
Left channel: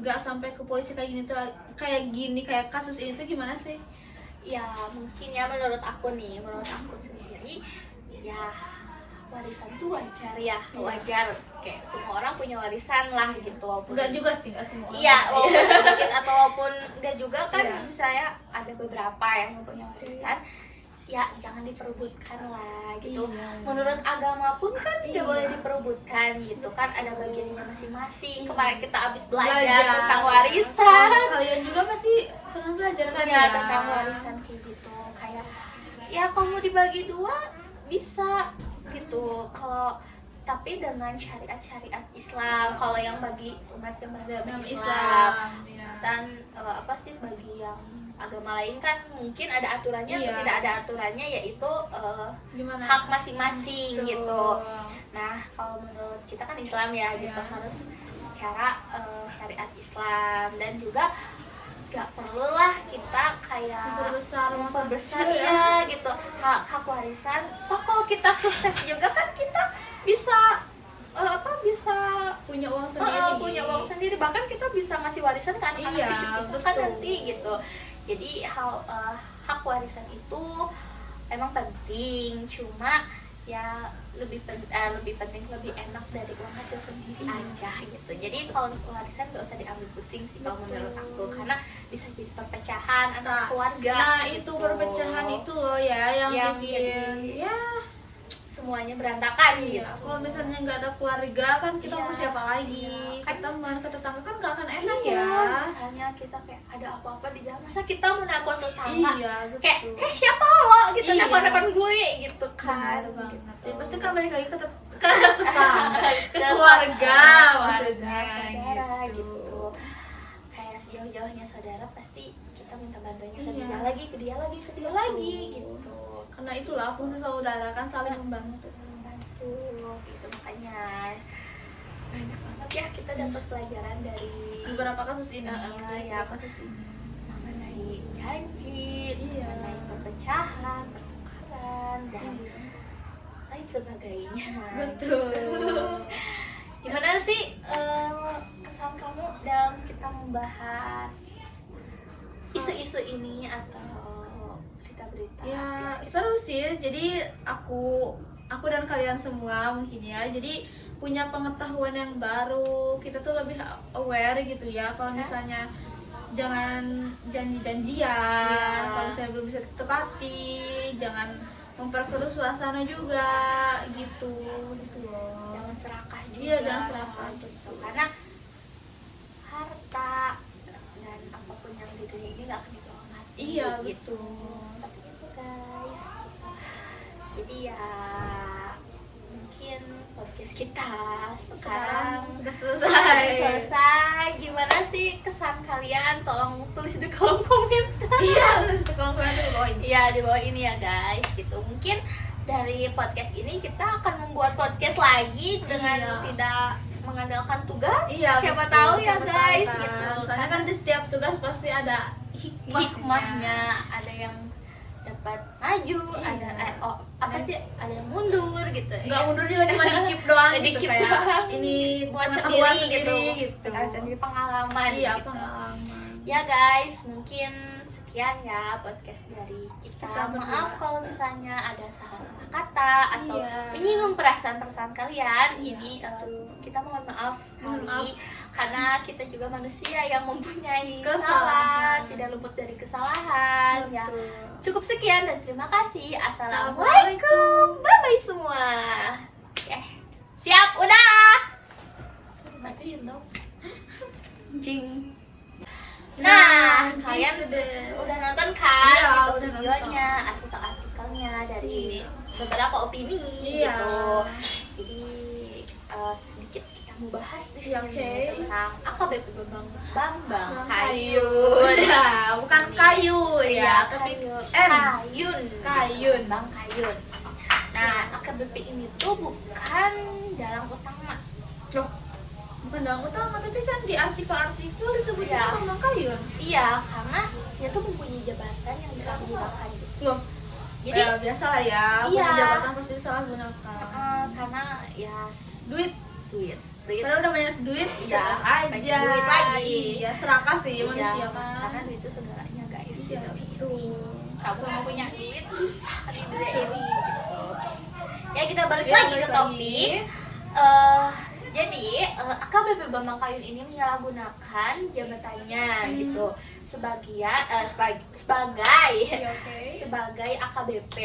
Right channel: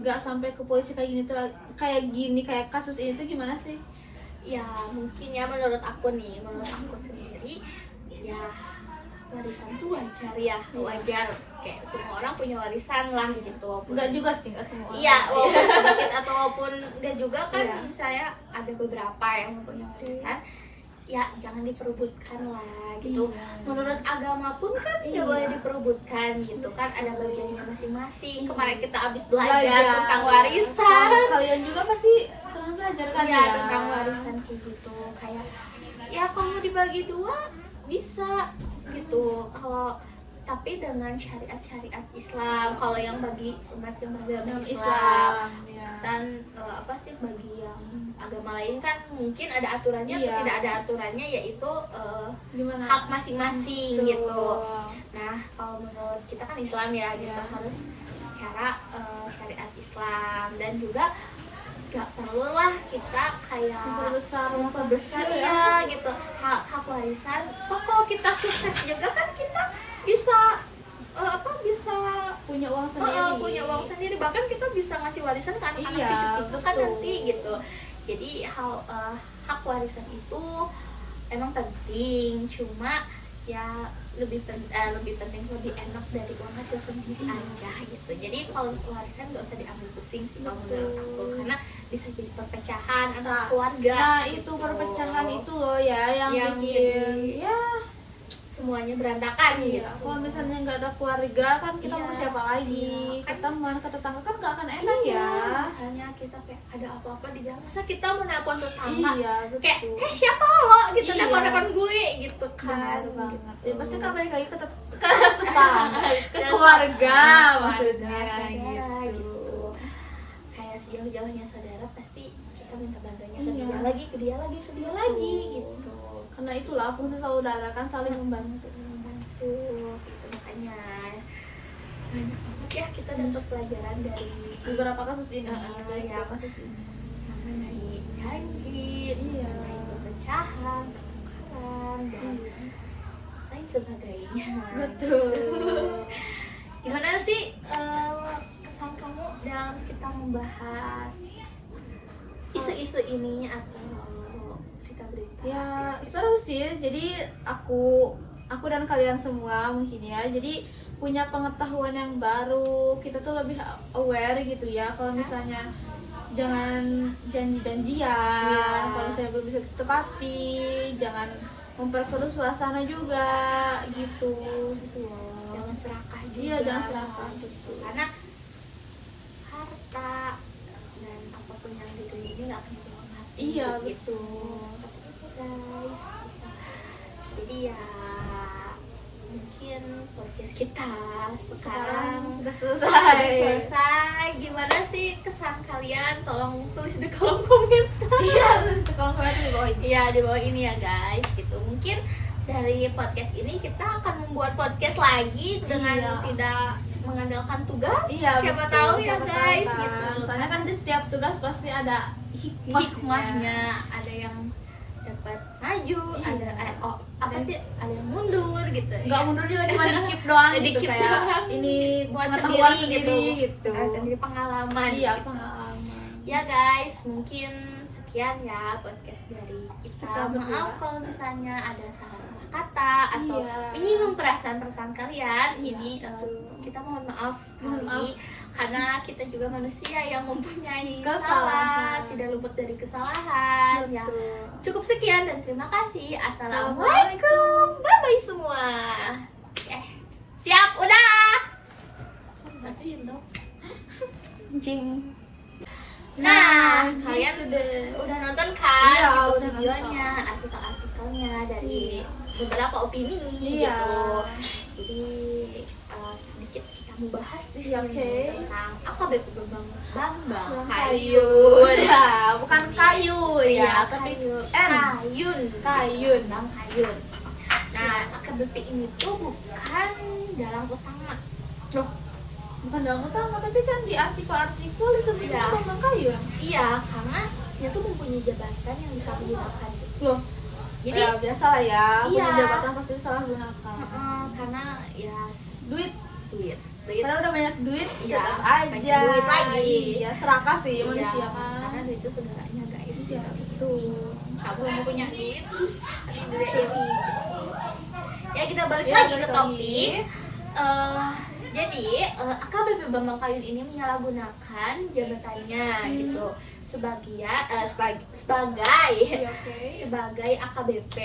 nggak sampai ke polisi kayak gini tuh, kayak kasus ini tuh gimana sih? Ya mungkin ya menurut aku sendiri ya warisan tuh wajar ya, wajar kayak semua orang punya warisan lah gitu. Walaupun Enggak juga sih, enggak semua. iya, walaupun sedikit atau walaupun enggak juga kan, Iya. misalnya ada beberapa yang punya warisan, ya jangan diperebutkan lah gitu. Iya. Menurut agama pun kan nggak Iya. boleh diperebutkan gitu kan, ada bagiannya masing-masing. Kemarin kita habis Belajar belajar tentang warisan, Kalian juga pasti pernah belajar kan ya ya? tentang warisan kayak gitu. Kayak ya kalau mau dibagi dua bisa gitu, kalau tapi dengan syariat Islam. Kalau yang bagi umat yang beragama Islam ya. dan apa sih bagi yang agama lain kan mungkin ada aturannya atau Iya. tidak ada aturannya, yaitu Gimana? hak masing-masing Betul. gitu. Nah kalau menurut kita kan Islam ya gitu, Iya. harus secara syariat Islam, dan juga gak perlu lah kita kayak memperbesar ya gitu hak warisan. Toh kalau kita sukses juga kan kita bisa bisa punya uang sendiri. punya uang sendiri, bahkan kita bisa ngasih warisan ke anak-anak Iya, cucu kita kan betul. nanti gitu. Jadi hak warisan itu emang penting, cuma ya lebih penting, lebih enak dari uang hasil sendiri aja gitu. Jadi kalau warisan nggak usah diambil pusing sih kalau menurut aku, karena bisa jadi perpecahan antara keluarga. Nah, itu gitu. perpecahan itu loh ya yang bikin jadi ya semuanya berantakan iya. gitu. Kalau misalnya nggak ada keluarga kan kita Iya, mau siapa lagi? iya. Kita mau ke tetangga kan nggak akan enak Iya, ya. misalnya kita kayak ada apa-apa di jalan, masa kita mau nelpon tetangga Iya, kayak betul. siapa lo gitu, Iya. nelpon gue gitu Benar kan. banget. Gitu. Ya pasti kan balik lagi ke tetangga, ke Ya, keluarga keluarga, maksudnya saudara, gitu. kayak sejauh jauhnya saudara pasti kita minta bantuannya ke Iya. dia lagi, ke dia lagi, ke dia lagi gitu. Karena itulah fungsi saudara kan saling membantu. Membantu gitu, makanya banyak banget ya kita dapat pelajaran dari Beberapa kasus ini, Iya. beberapa kasus ini. mengenai janji, Iya. mengenai perpecahan, pertukaran dan Iya. lain sebagainya. Betul. Gimana sih kesan kamu dalam kita membahas isu-isu ini atau berita-berita? Ya seru sih. Jadi aku dan kalian semua mungkin ya. Jadi punya pengetahuan yang baru. Kita tuh lebih aware gitu ya. Kalau misalnya jangan janji-janjian. Kalau saya belum bisa ditepati, jangan memperkeruh suasana juga gitu loh. Jangan serakah juga. Iya, jangan serakah, betul. Karena harta dan apapun yang di dunia ini nggak akan dibawa mati. Iya, gitu. betul. Seperti itu guys. Jadi ya mungkin podcast kita sekarang Sudah sudah selesai. selesai. Gimana sih kesan kalian? Tolong tulis di kolom komentar. Iya, terus kalau kalian tuh di bawah ini. Iya, di bawah ini ya guys gitu. Mungkin dari podcast ini kita akan membuat podcast lagi dengan Iya. tidak mengandalkan tugas. Iya, siapa betul. tahu ya Siapa tahu guys kan. gitu. Soalnya kan di setiap tugas pasti ada hikmahnya, ada yang dapat maju, Iya. apa sih? Ada yang mundur gitu. nggak mundur juga, cuma dikip doang gitu, Dikip kayak doang. ini buat pengetahuan sendiri gitu. gitu. Sendiri pengalaman. Iya, gitu. pengalaman. Ya guys, mungkin sekian ya podcast dari kita. Kita berdua. Maaf kalau misalnya ada salah-salah kata atau Iya. menyinggung perasaan-perasaan kalian. Iya, Ini betul. kita mohon maaf sekali Mohon maaf. karena kita juga manusia yang mempunyai Kesalahan. kesalahan, tidak luput dari kesalahan. Ya, Betul. cukup sekian dan terima kasih. Assalamualaikum. Assalamualaikum. Bye bye semua. Siap, udah. Matiin dong. Jing. Nah, gitu kalian deh. udah nonton kan Iya, gitu udah videonya, artikel-artikelnya dari beberapa opini Iya. gitu. Jadi sedikit kita mau bahas di Iya, sini oke. tentang AKBP Bambang Kayu. Kayun. Ya, bukan kayu ya, tapi Kayun. N. Kayun. Kayun. Bang Kayun. Nah, AKBP ini tuh bukan dalam utama. Loh, bukan dalam utama, tapi kan di artikel-artikel disebutnya Iya. Bambang Kayun. Iya, karena dia tuh mempunyai jabatan yang bisa digunakan gitu. Loh, Jadi ya biasa lah ya, punya Iya. jabatan pasti salah gunakan. karena ya Duit, duit. padahal udah banyak duit, Iya, tetap pengen aja. duit lagi. Iya, serakah sih Iya, manusia kan. karena duit itu segalanya guys. Iya, betul. Kamu mau punya duit susah di dunia ini gitu. Ya kita balik Iya, lagi balik ke lagi. topik. Jadi AKBP Bambang Kayun ini menyalahgunakan jabatannya gitu sebagai Iya, oke. sebagai AKBP.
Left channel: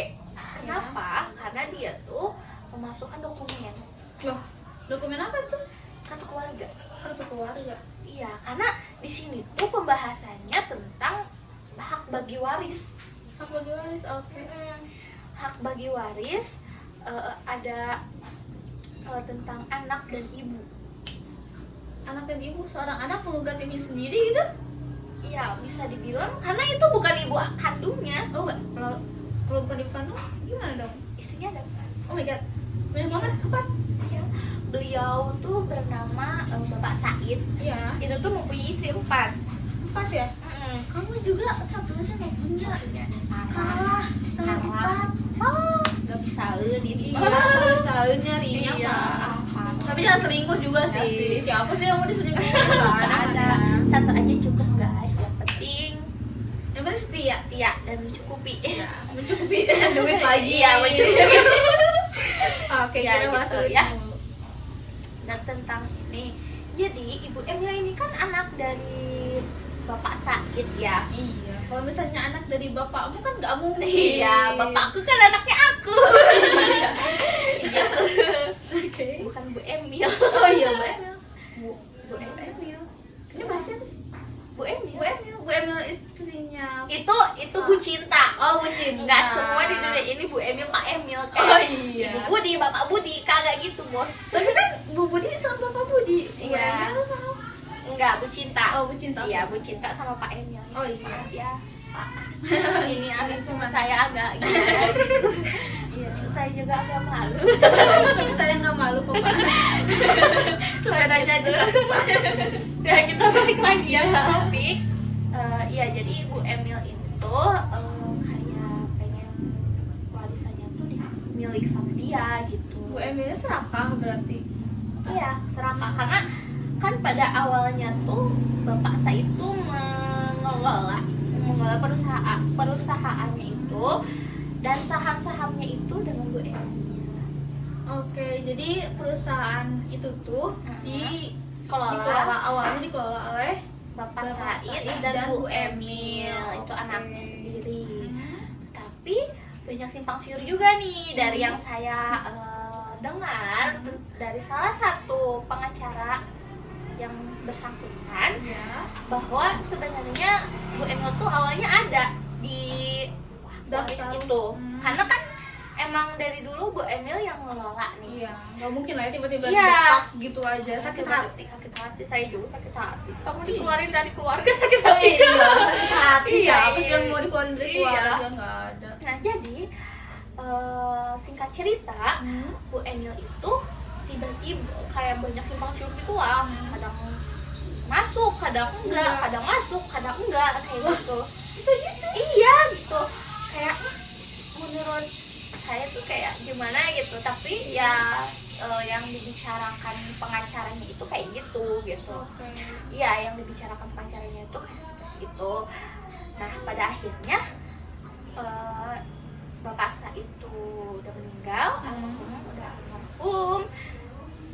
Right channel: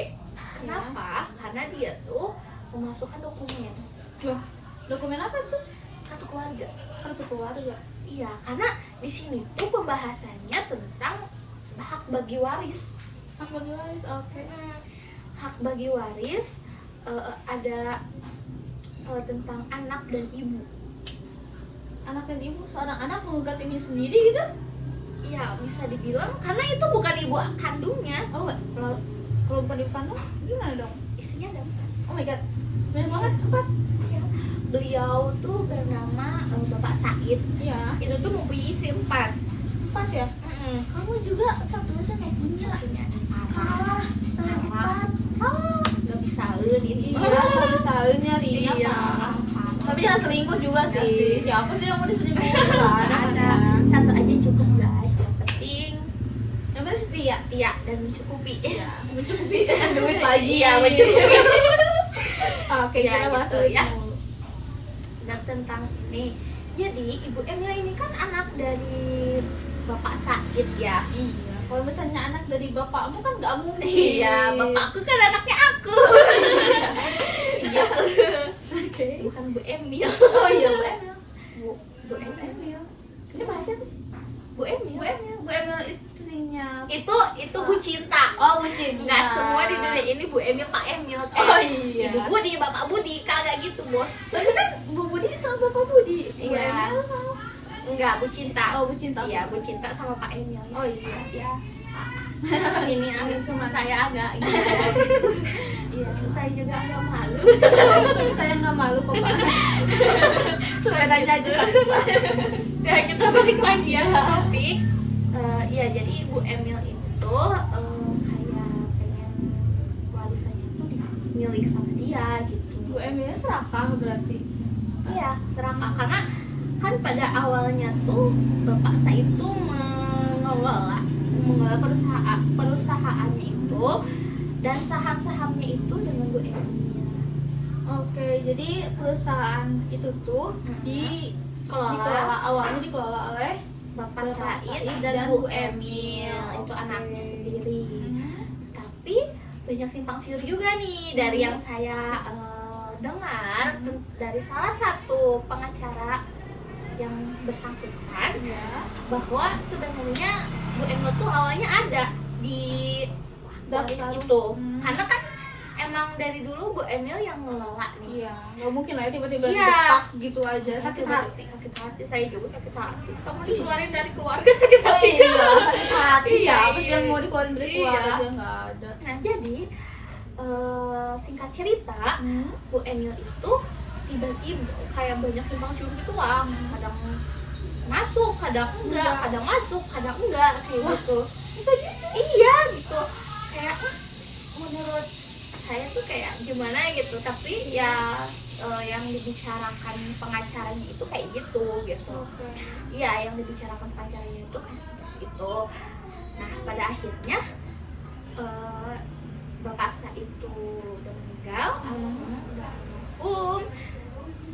Kenapa? Karena dia tuh memasukkan dokumen Loh, dokumen apa tuh? kartu keluarga. Kartu keluarga. Iya, karena di sini tuh pembahasannya tentang hak bagi waris. Hak bagi waris, oke. Hak bagi waris ada tentang anak dan ibu. Anak dan ibu, seorang anak menggugat ibunya sendiri gitu? Iya, bisa dibilang karena itu bukan ibu kandungnya. Oh, kalau bukan ibu kandung, gimana dong? Istrinya ada 4. Oh my god, banyak banget, apa? Ya. Beliau tuh bernama Bapak Said. Iya, Itu tuh mempunyai istri 4. 4 ya? Kamu juga satu aja nggak punya. Kalah, sama 4. Oh, nggak bisa ini. Iya, kalau sahur nyarinya Iya. apa? Tapi jangan selingkuh juga Iya sih. sih. Siapa sih yang mau diselingkuhin? Nggak ada, ada. Satu aja cukup guys. Yang penting Yang penting setia. setia dan mencukupi. Ya, mencukupi duit lagi Iya, ya, mencukupi. Oke, Ya, kita gitu, masuk ya. ya. Dan tentang ini, jadi Ibu Emila ini kan anak dari Bapak Said ya. Iya, kalau misalnya anak dari bapakmu kan nggak mungkin. Iya, bapakku kan anaknya aku. Oke. Bukan Bu Emil. Oh iya, Bu Emil. Bu Emil. Ini bahasa apa sih? Bu Emil. Bu Emil istrinya. Itu Bu Cinta. Oh, Bu Cinta. Nggak semua di dunia ini Bu Emil, Pak Emil. Oh, iya. Ibu Budi, Bapak Budi, kagak gitu bos. Tapi kan Bu Budi sama Bapak Budi. Bu Iya. Emil sama Enggak, Bu Cinta. Oh, Bu Cinta. Iya, Bu Cinta sama Pak Emil. Oh iya. Ya, Pak. Ini teman saya agak gitu. Iya, saya juga agak malu. Tapi saya nggak malu kok Pak. Sepedanya aja satu Pak. Ya, kita balik lagi ya ke topik. Iya, jadi Bu Emil itu kayak pengen warisannya tuh milik sama dia gitu. Bu Emilnya serakah berarti. Iya, serakah karena kan pada awalnya tuh Bapak saya itu mengelola perusahaannya itu dan saham-sahamnya itu dengan Bu Emil. Oke, jadi perusahaan itu tuh dikelola awalnya dikelola oleh Bapak Bapak Said Said dan dan Bu Bu Emil, Emil. itu Oke. anaknya sendiri. Tapi banyak simpang siur juga nih dari yang saya dengar dari salah satu pengacara yang bersangkutan Ya. bahwa sebenarnya Bu Emil tuh awalnya ada di waris Daftar. itu, Hmm. karena kan emang dari dulu Bu Emil yang ngelola nih. Iya, nggak mungkin lah ya tiba-tiba Iya. depak gitu aja. Sakit hati. Sakit hati, saya juga sakit hati. Kamu dikeluarin dari keluarga sakit hati. Iya, sakit hati. Iya, Siapa sih iya. yang mau dikeluarin dari Iya. keluarga? Nggak ada. Nah, jadi singkat cerita, Bu Emil itu tiba-tiba kayak banyak simpang siur gitu lah. Kadang masuk, kadang enggak, kadang masuk, kadang enggak kayak gitu. Bisa gitu. Iya gitu. Kayak menurut saya tuh kayak gimana gitu, tapi ya yang dibicarakan pengacaranya itu kayak gitu. Oke. Iya, yang dibicarakan pengacaranya itu gitu. Nah, pada akhirnya Bapak saya itu udah meninggal, almarhum udah almarhum.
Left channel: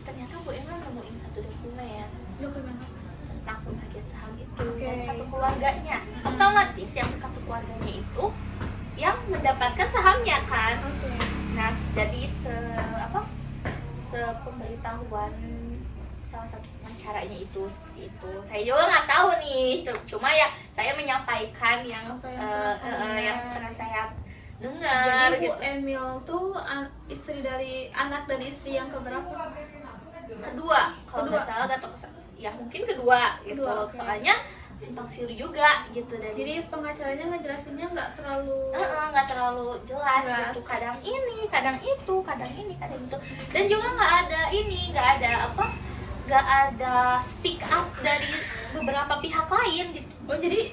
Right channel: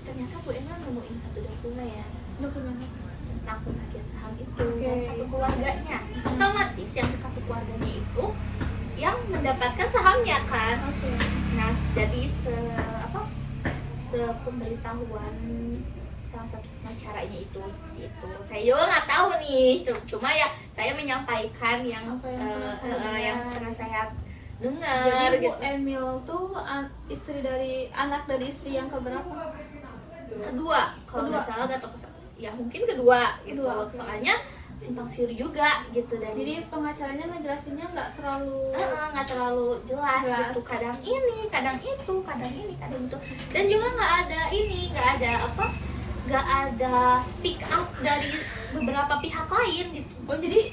Ternyata Bu Emil nemuin satu dokumen Dokumen. tentang pembagian saham itu Oke. dari kartu keluarganya. Otomatis yang di kartu keluarganya itu yang mendapatkan sahamnya kan. Oke. Nah, jadi sepemberitahuan salah satu pengacaranya itu seperti itu. Saya juga nggak tahu nih, cuma ya saya menyampaikan yang Apa yang yang pernah pernah saya dengar Jadi Bu gitu. Emil tuh anak dari istri yang keberapa? Kedua, kalau Kedua. nggak salah atau ya mungkin kedua gitu. Kedua, oke. Soalnya simpang siur juga gitu dan Jadi pengacaranya ngejelasinnya nggak terlalu nggak terlalu jelas Jelas. gitu, kadang ini kadang itu kadang ini kadang itu, dan juga nggak ada speak up dari beberapa pihak lain gitu. Oh jadi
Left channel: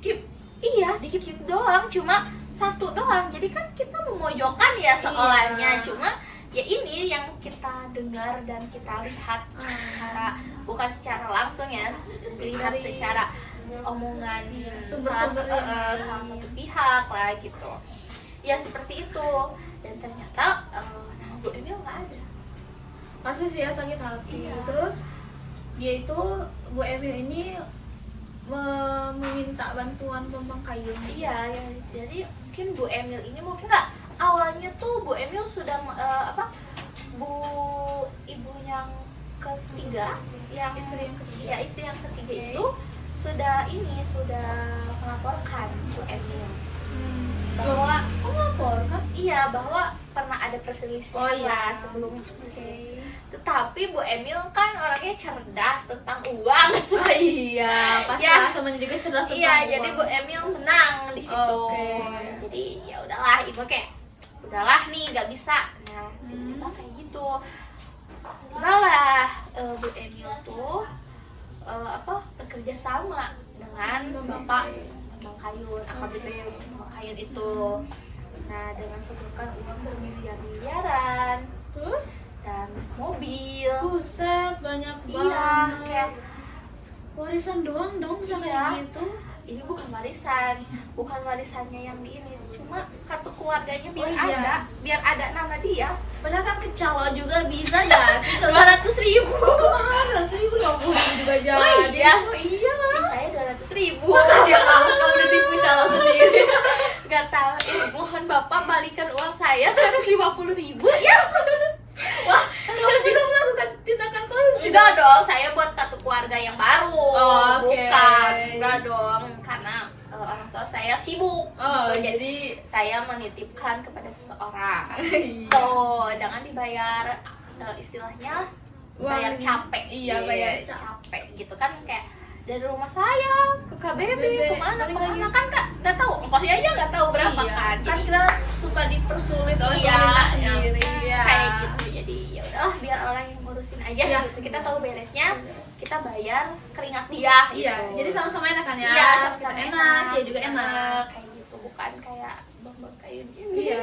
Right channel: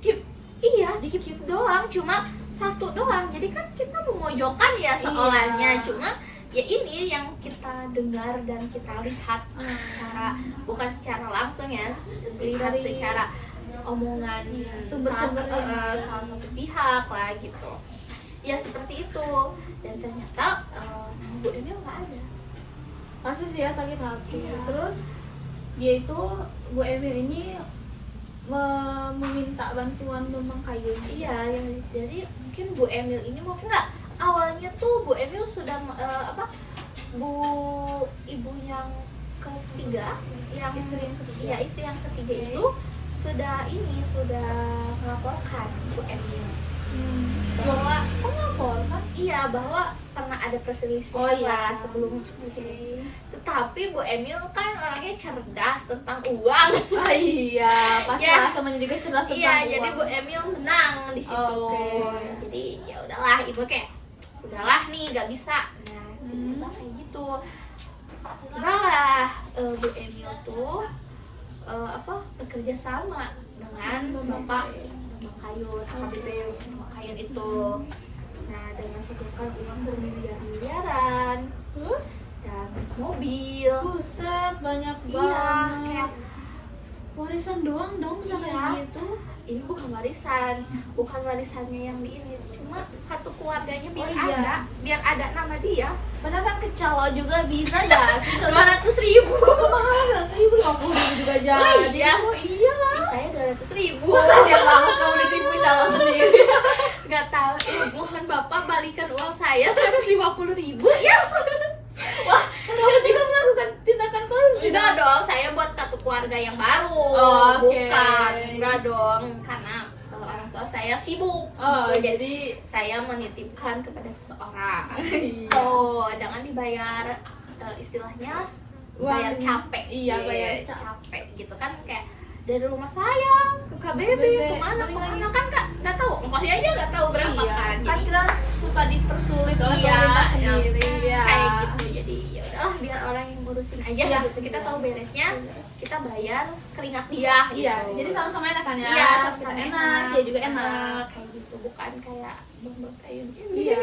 keep Iya, dikit doang, cuma satu doang, jadi kan kita memojokkan ya seolahnya. Iya. Cuma ya ini yang kita dengar dan kita lihat bukan secara langsung ya, lihat Dari- secara omongan sumber-sumbernya. salah satu pihak lah gitu. Ya seperti itu, dan ternyata Bu Emil nggak ada. pasti sih ya sakit hati. Iya. Terus dia itu Bu Emil ini meminta bantuan Bambang Kayun. Iya, ya, jadi mungkin Bu Emil ini mungkin nggak, awalnya tuh Bu Emil sudah ibu yang ketiga, yang Istri yang ketiga. ya istri yang ketiga Oke. itu sudah melaporkan Bu Emil bahwa Kok ngelapor kan? iya, bahwa pernah ada perselisihan Oh, iya. lah sebelum. Tetapi Bu Emil kan orangnya cerdas tentang uang. Oh iya, pasti Ya. lah semuanya juga cerdas tentang Iya, uang. jadi Bu Emil menang di situ. Oke. Jadi ya udahlah, ibu kayak udahlah nih nggak bisa. Nah, tiba-tiba kayak gitu. Tibalah Bu Emil tuh bekerja sama dengan Bapak Bang Kayun, AKBP Bang Kayun itu. Nah, dengan setoran uang bermiliar-miliaran Terus dan mobil. buset banyak Iya, banget. kayak Warisan doang dong bisa Iya. kayak gitu. ini bukan warisannya yang di ini, cuma kartu keluarganya biar Oh, iya. biar ada nama dia. Padahal kan kecalo juga bisa gak sih? 200.000. Kemana sih? 50.000 juga jadi. Oh, iya. Oh, iya lah. Saya 200.000. Makasih banget kamu ditipu calo sendiri. Gak tahu, mohon Bapak balikan uang saya 150.000 ya. Wah, kamu juga melakukan tindakan korupsi. Enggak dong, saya buat kartu keluarga yang baru. Oh, oke. Bukan, enggak dong, karena orang tua saya sibuk. Oh, gitu. jadi Saya menitipkan kepada seseorang. Iya. Tuh, jangan dibayar istilahnya bayar capek. Iya, bayar capek. capek gitu kan, kayak dari rumah saya ke KBB kemana kan Kak nggak tahu ongkosnya aja nggak tahu berapa Iya, kan. kan Jadi, kita suka dipersulit oleh iya, pemerintah sendiri ya. kayak gitu. Jadi ya udahlah biar orang yang ngurusin aja Iya, gitu. Kita iya. tahu beresnya, kita bayar keringat dia Iya, gitu. jadi sama-sama enak kan ya. Iya, Kita sama-sama enak, dia juga enak. kayak gitu, bukan kayak bang kayu Iya.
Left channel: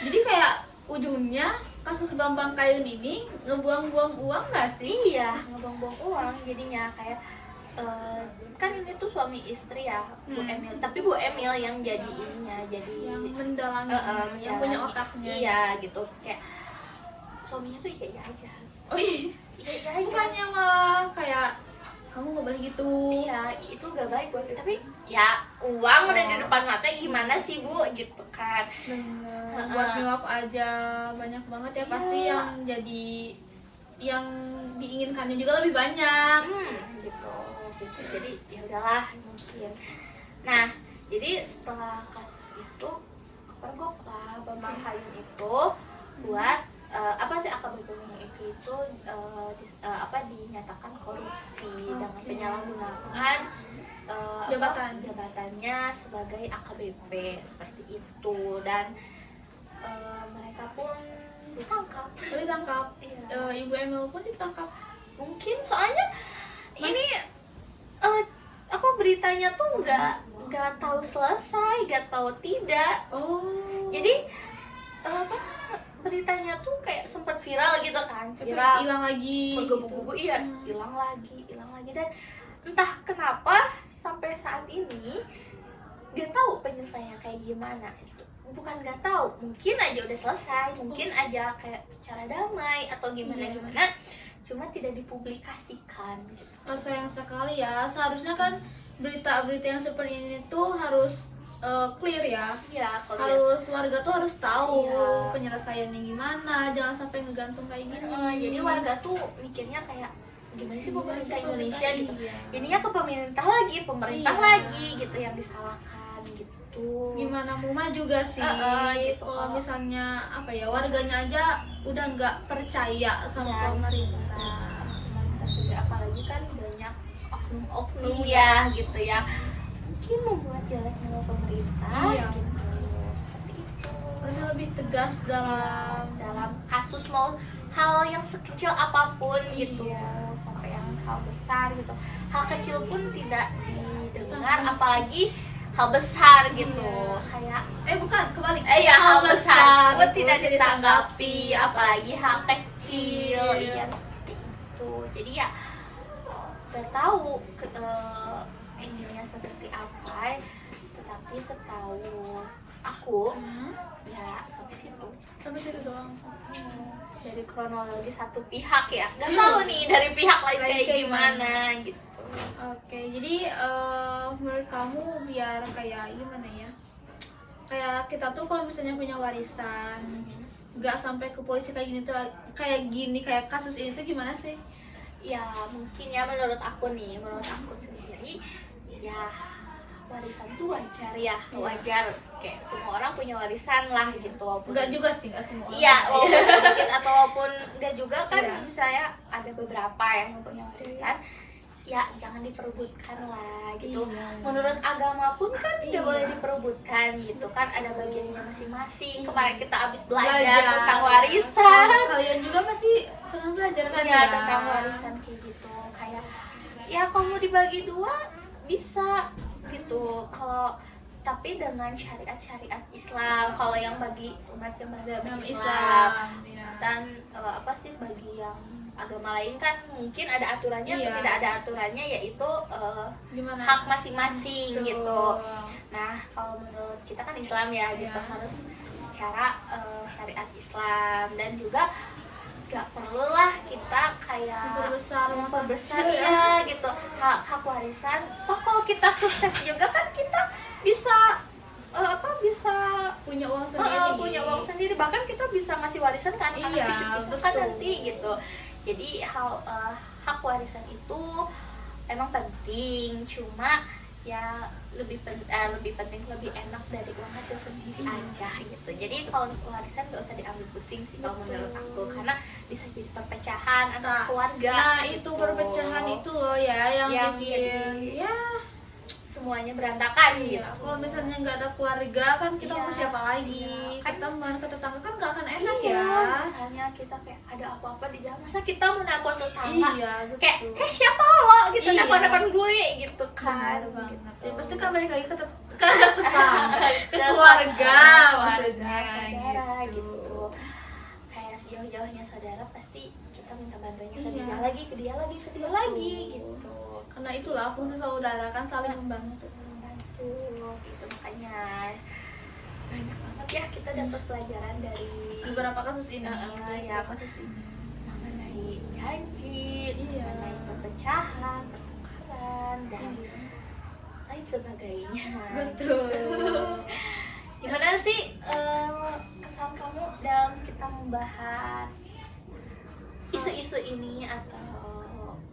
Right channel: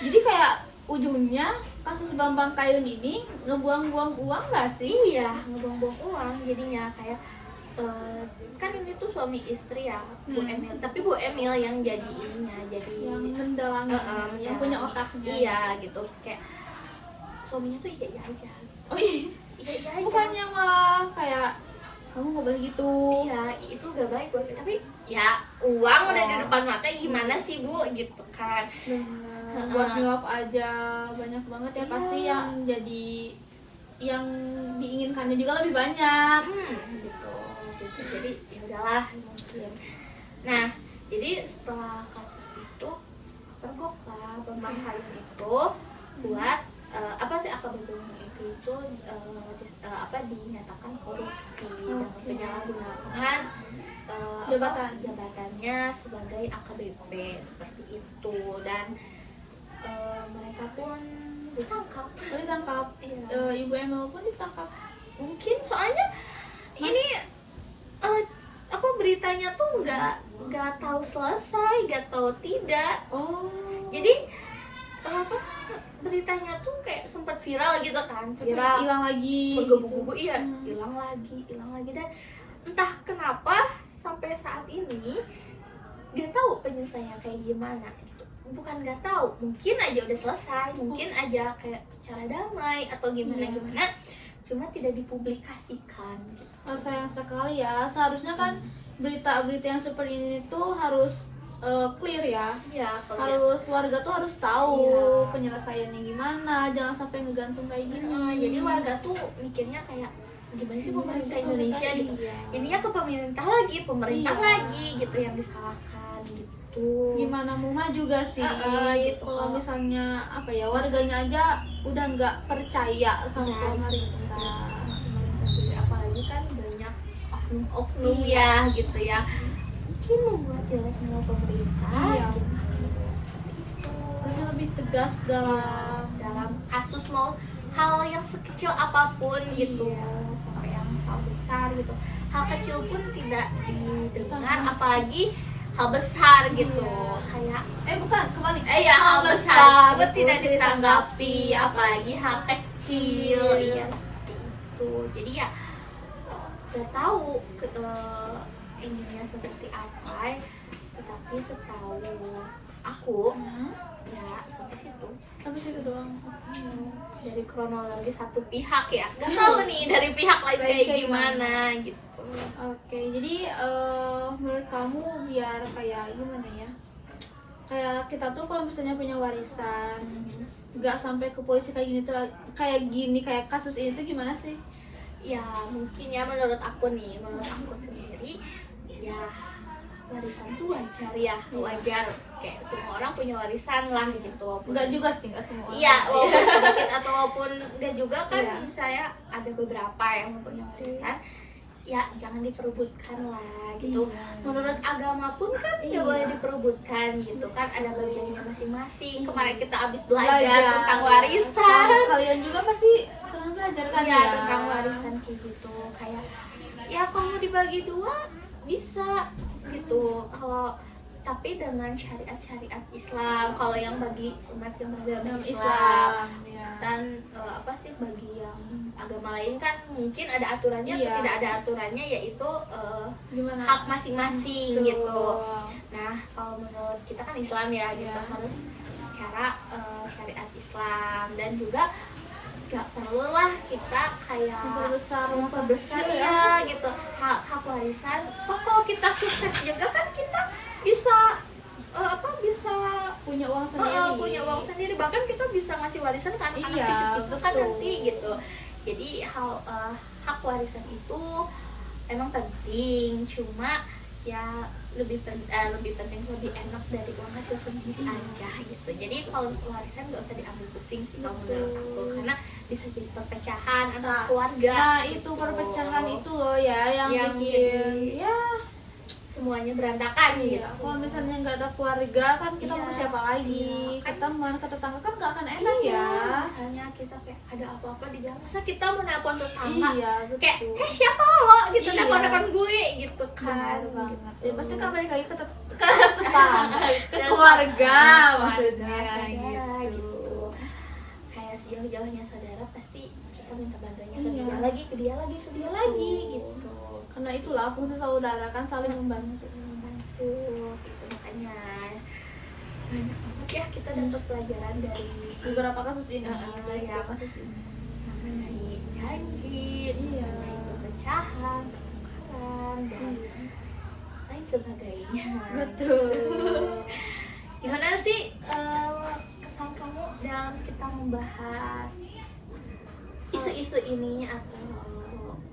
Jadi kayak ujungnya kasus Bambang Kayun ini ngebuang-buang uang nggak sih? Iya, ngebuang-buang uang jadinya kayak kan ini tuh suami istri ya, Bu Emil. Tapi Bu Emil yang jadi ininya, jadi Yang mendalangi, yang punya otaknya. Iya gitu, kayak suaminya tuh iya aja. Oh iya. Iya aja. Bukannya malah kayak kamu nggak boleh gitu. Iya, itu gak baik buat kita. Tapi ya uang udah di depan mata, gimana sih Bu gitu kan. Bener. Buat nyuap aja banyak banget ya, pasti Iya. yang jadi yang diinginkannya juga lebih banyak. Gitu. Jadi ya udahlah mungkin. Nah, jadi setelah kasus itu kepergok lah Bambang Kayun itu buat apa sih AKBP-nya itu dinyatakan korupsi dengan penyalahgunaan jabatannya sebagai AKBP seperti itu, dan mereka pun ditangkap. Iya. Ibu Emil pun ditangkap. Mungkin soalnya ini beritanya tuh nggak tahu selesai, nggak tahu tidak. Oh. Jadi beritanya tuh kayak sempat viral gitu kan, viral Hilang lagi. bergebu-gebu, iya, hilang lagi, dan entah kenapa sampai saat ini nggak tahu penyelesaiannya kayak gimana gitu. Bukan nggak tahu, mungkin aja udah selesai, mungkin aja kayak secara damai atau gimana, cuma tidak dipublikasikan gitu. Sayang sekali ya, seharusnya kan berita-berita yang seperti ini tuh harus clear ya. Iya, kalau Harus warga tuh harus tahu Iya. penyelesaiannya gimana, jangan sampai ngegantung kayak gini. jadi warga tuh mikirnya kayak gimana sih pemerintah Indonesia gitu. Iya. Ininya ke pemerintah Iya. lagi gitu yang disalahkan gitu. Gimana mau maju gak sih? Gitu. Kalau misalnya apa ya, warganya aja udah nggak percaya sama Iya. pemerintah. Pemerintah sendiri, apalagi kan banyak oknum-oknum Iya. ya gitu ya, mungkin membuat jelek nama pemerintah. Iya. Gitu. Seperti itu. Harusnya lebih tegas dalam kasus mau hal yang sekecil apapun gitu, Iya. sampai yang hal besar gitu, hal kecil pun tidak didengar, Tentang- apalagi hal besar gitu. Iya. Kayak bukan kebalik. ya hal besar pun itu tidak ditanggapi, ditanggapi, apalagi hal kecil. Iya. Ya seperti itu. Jadi ya nggak tahu ininya seperti apa, tetapi setahu aku ya sampai situ. Sampai situ doang. Dari kronologi satu pihak ya, nggak tahu nih dari pihak lain kayak gimana gitu. Oke, jadi menurut kamu biar kayak gimana ya? Kayak kita tuh kalau misalnya punya warisan, nggak sampai ke polisi kayak gini tuh, kayak kasus ini tuh gimana sih? Ya mungkin ya menurut aku sendiri ya warisan tuh wajar ya, wajar, kayak semua orang punya warisan lah gitu. Enggak juga sih, enggak semua. Iya, walaupun sedikit atau walaupun enggak juga kan, Iya. misalnya ada beberapa yang mempunyai warisan, ya jangan diperebutkan lah gitu. Iya. Menurut agama pun kan nggak Iya. boleh diperebutkan gitu kan, ada bagiannya masing-masing. Kemarin kita habis Belajar belajar tentang warisan. Kalian juga pasti pernah belajar kan Ya, ya? tentang warisan kayak gitu, kayak ya kalau mau dibagi dua bisa gitu, kalau tapi dengan syariat Islam. Kalau yang bagi umat yang beragama Islam, ya. dan apa sih bagi yang agama lain kan mungkin ada aturannya atau Iya. tidak ada aturannya, yaitu Gimana? hak masing-masing Betul. gitu. Nah kalau menurut kita kan Islam ya gitu, Iya. harus secara syariat Islam, dan juga gak perlu lah kita kayak memperbesar ya gitu hak warisan. Kalau kita sukses juga kan kita bisa bisa Punya uang sendiri. punya uang sendiri, bahkan kita bisa ngasih warisan ke anak-anak Iya, cucu kita kan betul. nanti gitu. Jadi hak warisan itu emang penting, cuma ya lebih penting lebih enak dari uang hasil sendiri aja gitu. Jadi kalau warisan nggak usah diambil pusing sih kalau menurut aku, karena bisa jadi perpecahan antar keluarga. Nah itu perpecahan itu loh ya yang bikin jadi, ya semuanya berantakan iya. gitu. Kalau misalnya nggak ada keluarga kan kita Iya, mau siapa lagi? iya, kan- Ke teman, ke tetangga kan nggak akan enak Iya, ya. misalnya kita kayak ada apa-apa di jalan, masa kita mau nelpon tetangga Iya betul. kayak siapa lo gitu, Iya. nelpon gue gitu kan. Benar banget. Gitu. Ya pasti kan balik lagi ke tetangga, ke keluarga maksudnya saudara, gitu. Kayak sejauh-jauhnya saudara pasti kita minta bantuannya ke Iya. dia lagi, ke dia lagi, ke dia lagi gitu. Karena itulah fungsi saudara kan saling membantu. Membantu gitu, makanya banyak banget ya kita dapat pelajaran dari Beberapa kasus ini, Iya. beberapa kasus ini. mengenai janji, Iya. mengenai perpecahan, pertengkaran dan lain sebagainya. Betul. Gimana sih kesan kamu dalam kita membahas isu-isu ini atau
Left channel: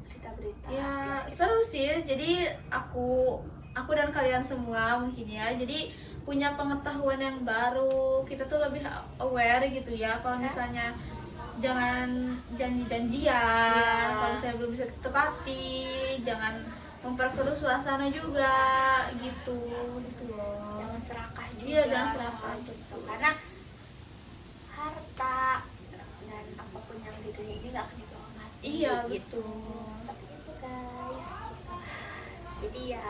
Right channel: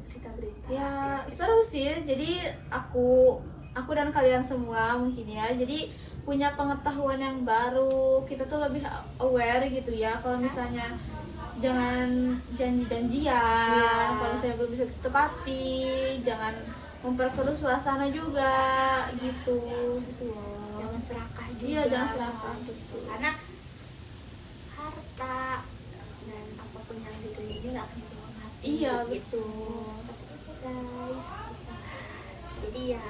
berita-berita? Ya seru sih. Jadi aku dan kalian semua mungkin ya. Jadi punya pengetahuan yang baru. Kita tuh lebih aware gitu ya. Kalau misalnya jangan janji-janjian. Kalau misalnya belum bisa ditepati, jangan memperkeruh suasana juga gitu loh. Jangan serakah juga. Iya, jangan serakah, betul. Karena harta dan apapun yang di dunia ini nggak akan dibawa mati. Iya, gitu. betul. Seperti itu guys. Jadi ya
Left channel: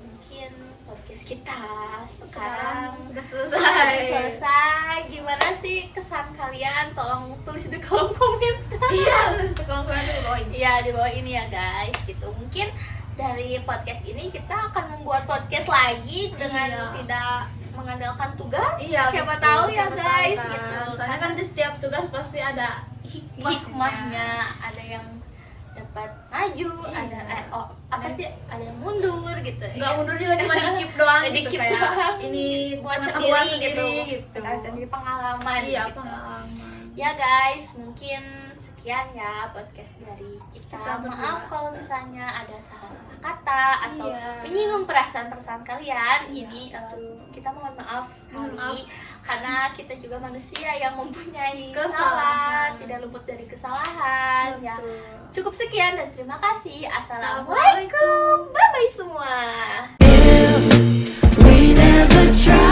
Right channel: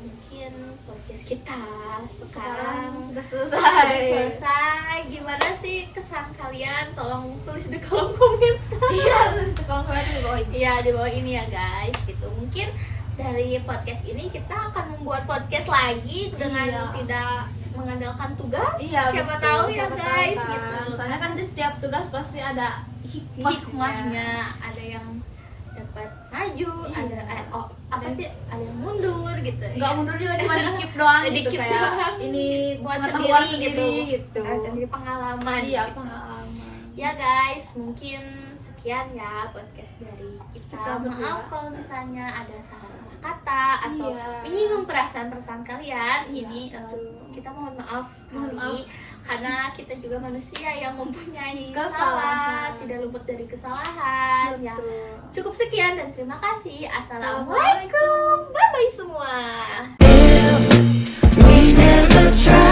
mungkin podcast kita sekarang sudah sudah selesai. selesai. Gimana sih kesan kalian? Tolong tulis di kolom komentar. Iya, terus kalau komentar di bawah ini. Iya, di bawah ini ya guys gitu. Mungkin dari podcast ini kita akan membuat podcast lagi dengan Iya. tidak mengandalkan tugas. Iya, siapa betul. tahu ya Siapa tahu guys kan. gitu. Soalnya kan di setiap tugas pasti ada hikmahnya, ada yang dapat maju, Iya. ada sih, ada yang mundur gitu. nggak ya. mundur juga cuma dikip doang gitu, Dikip kayak doang. ini Buat pengetahuan sendiri gitu. Sendiri pengalaman. Iya, gitu. pengalaman. Ya guys, mungkin sekian ya podcast dari kita. Kita berdua. Maaf kalau misalnya ada salah-salah kata atau Iya. menyinggung perasaan-perasaan kalian. Iya, Ini betul. kita mohon maaf sekali. Mohon maaf. Karena kita juga manusia yang mempunyai Kesalahan. salah, tidak luput dari kesalahan. Ya, Betul. cukup sekian dan terima kasih. Assalamualaikum. Assalamualaikum. Bye bye semua. We never try.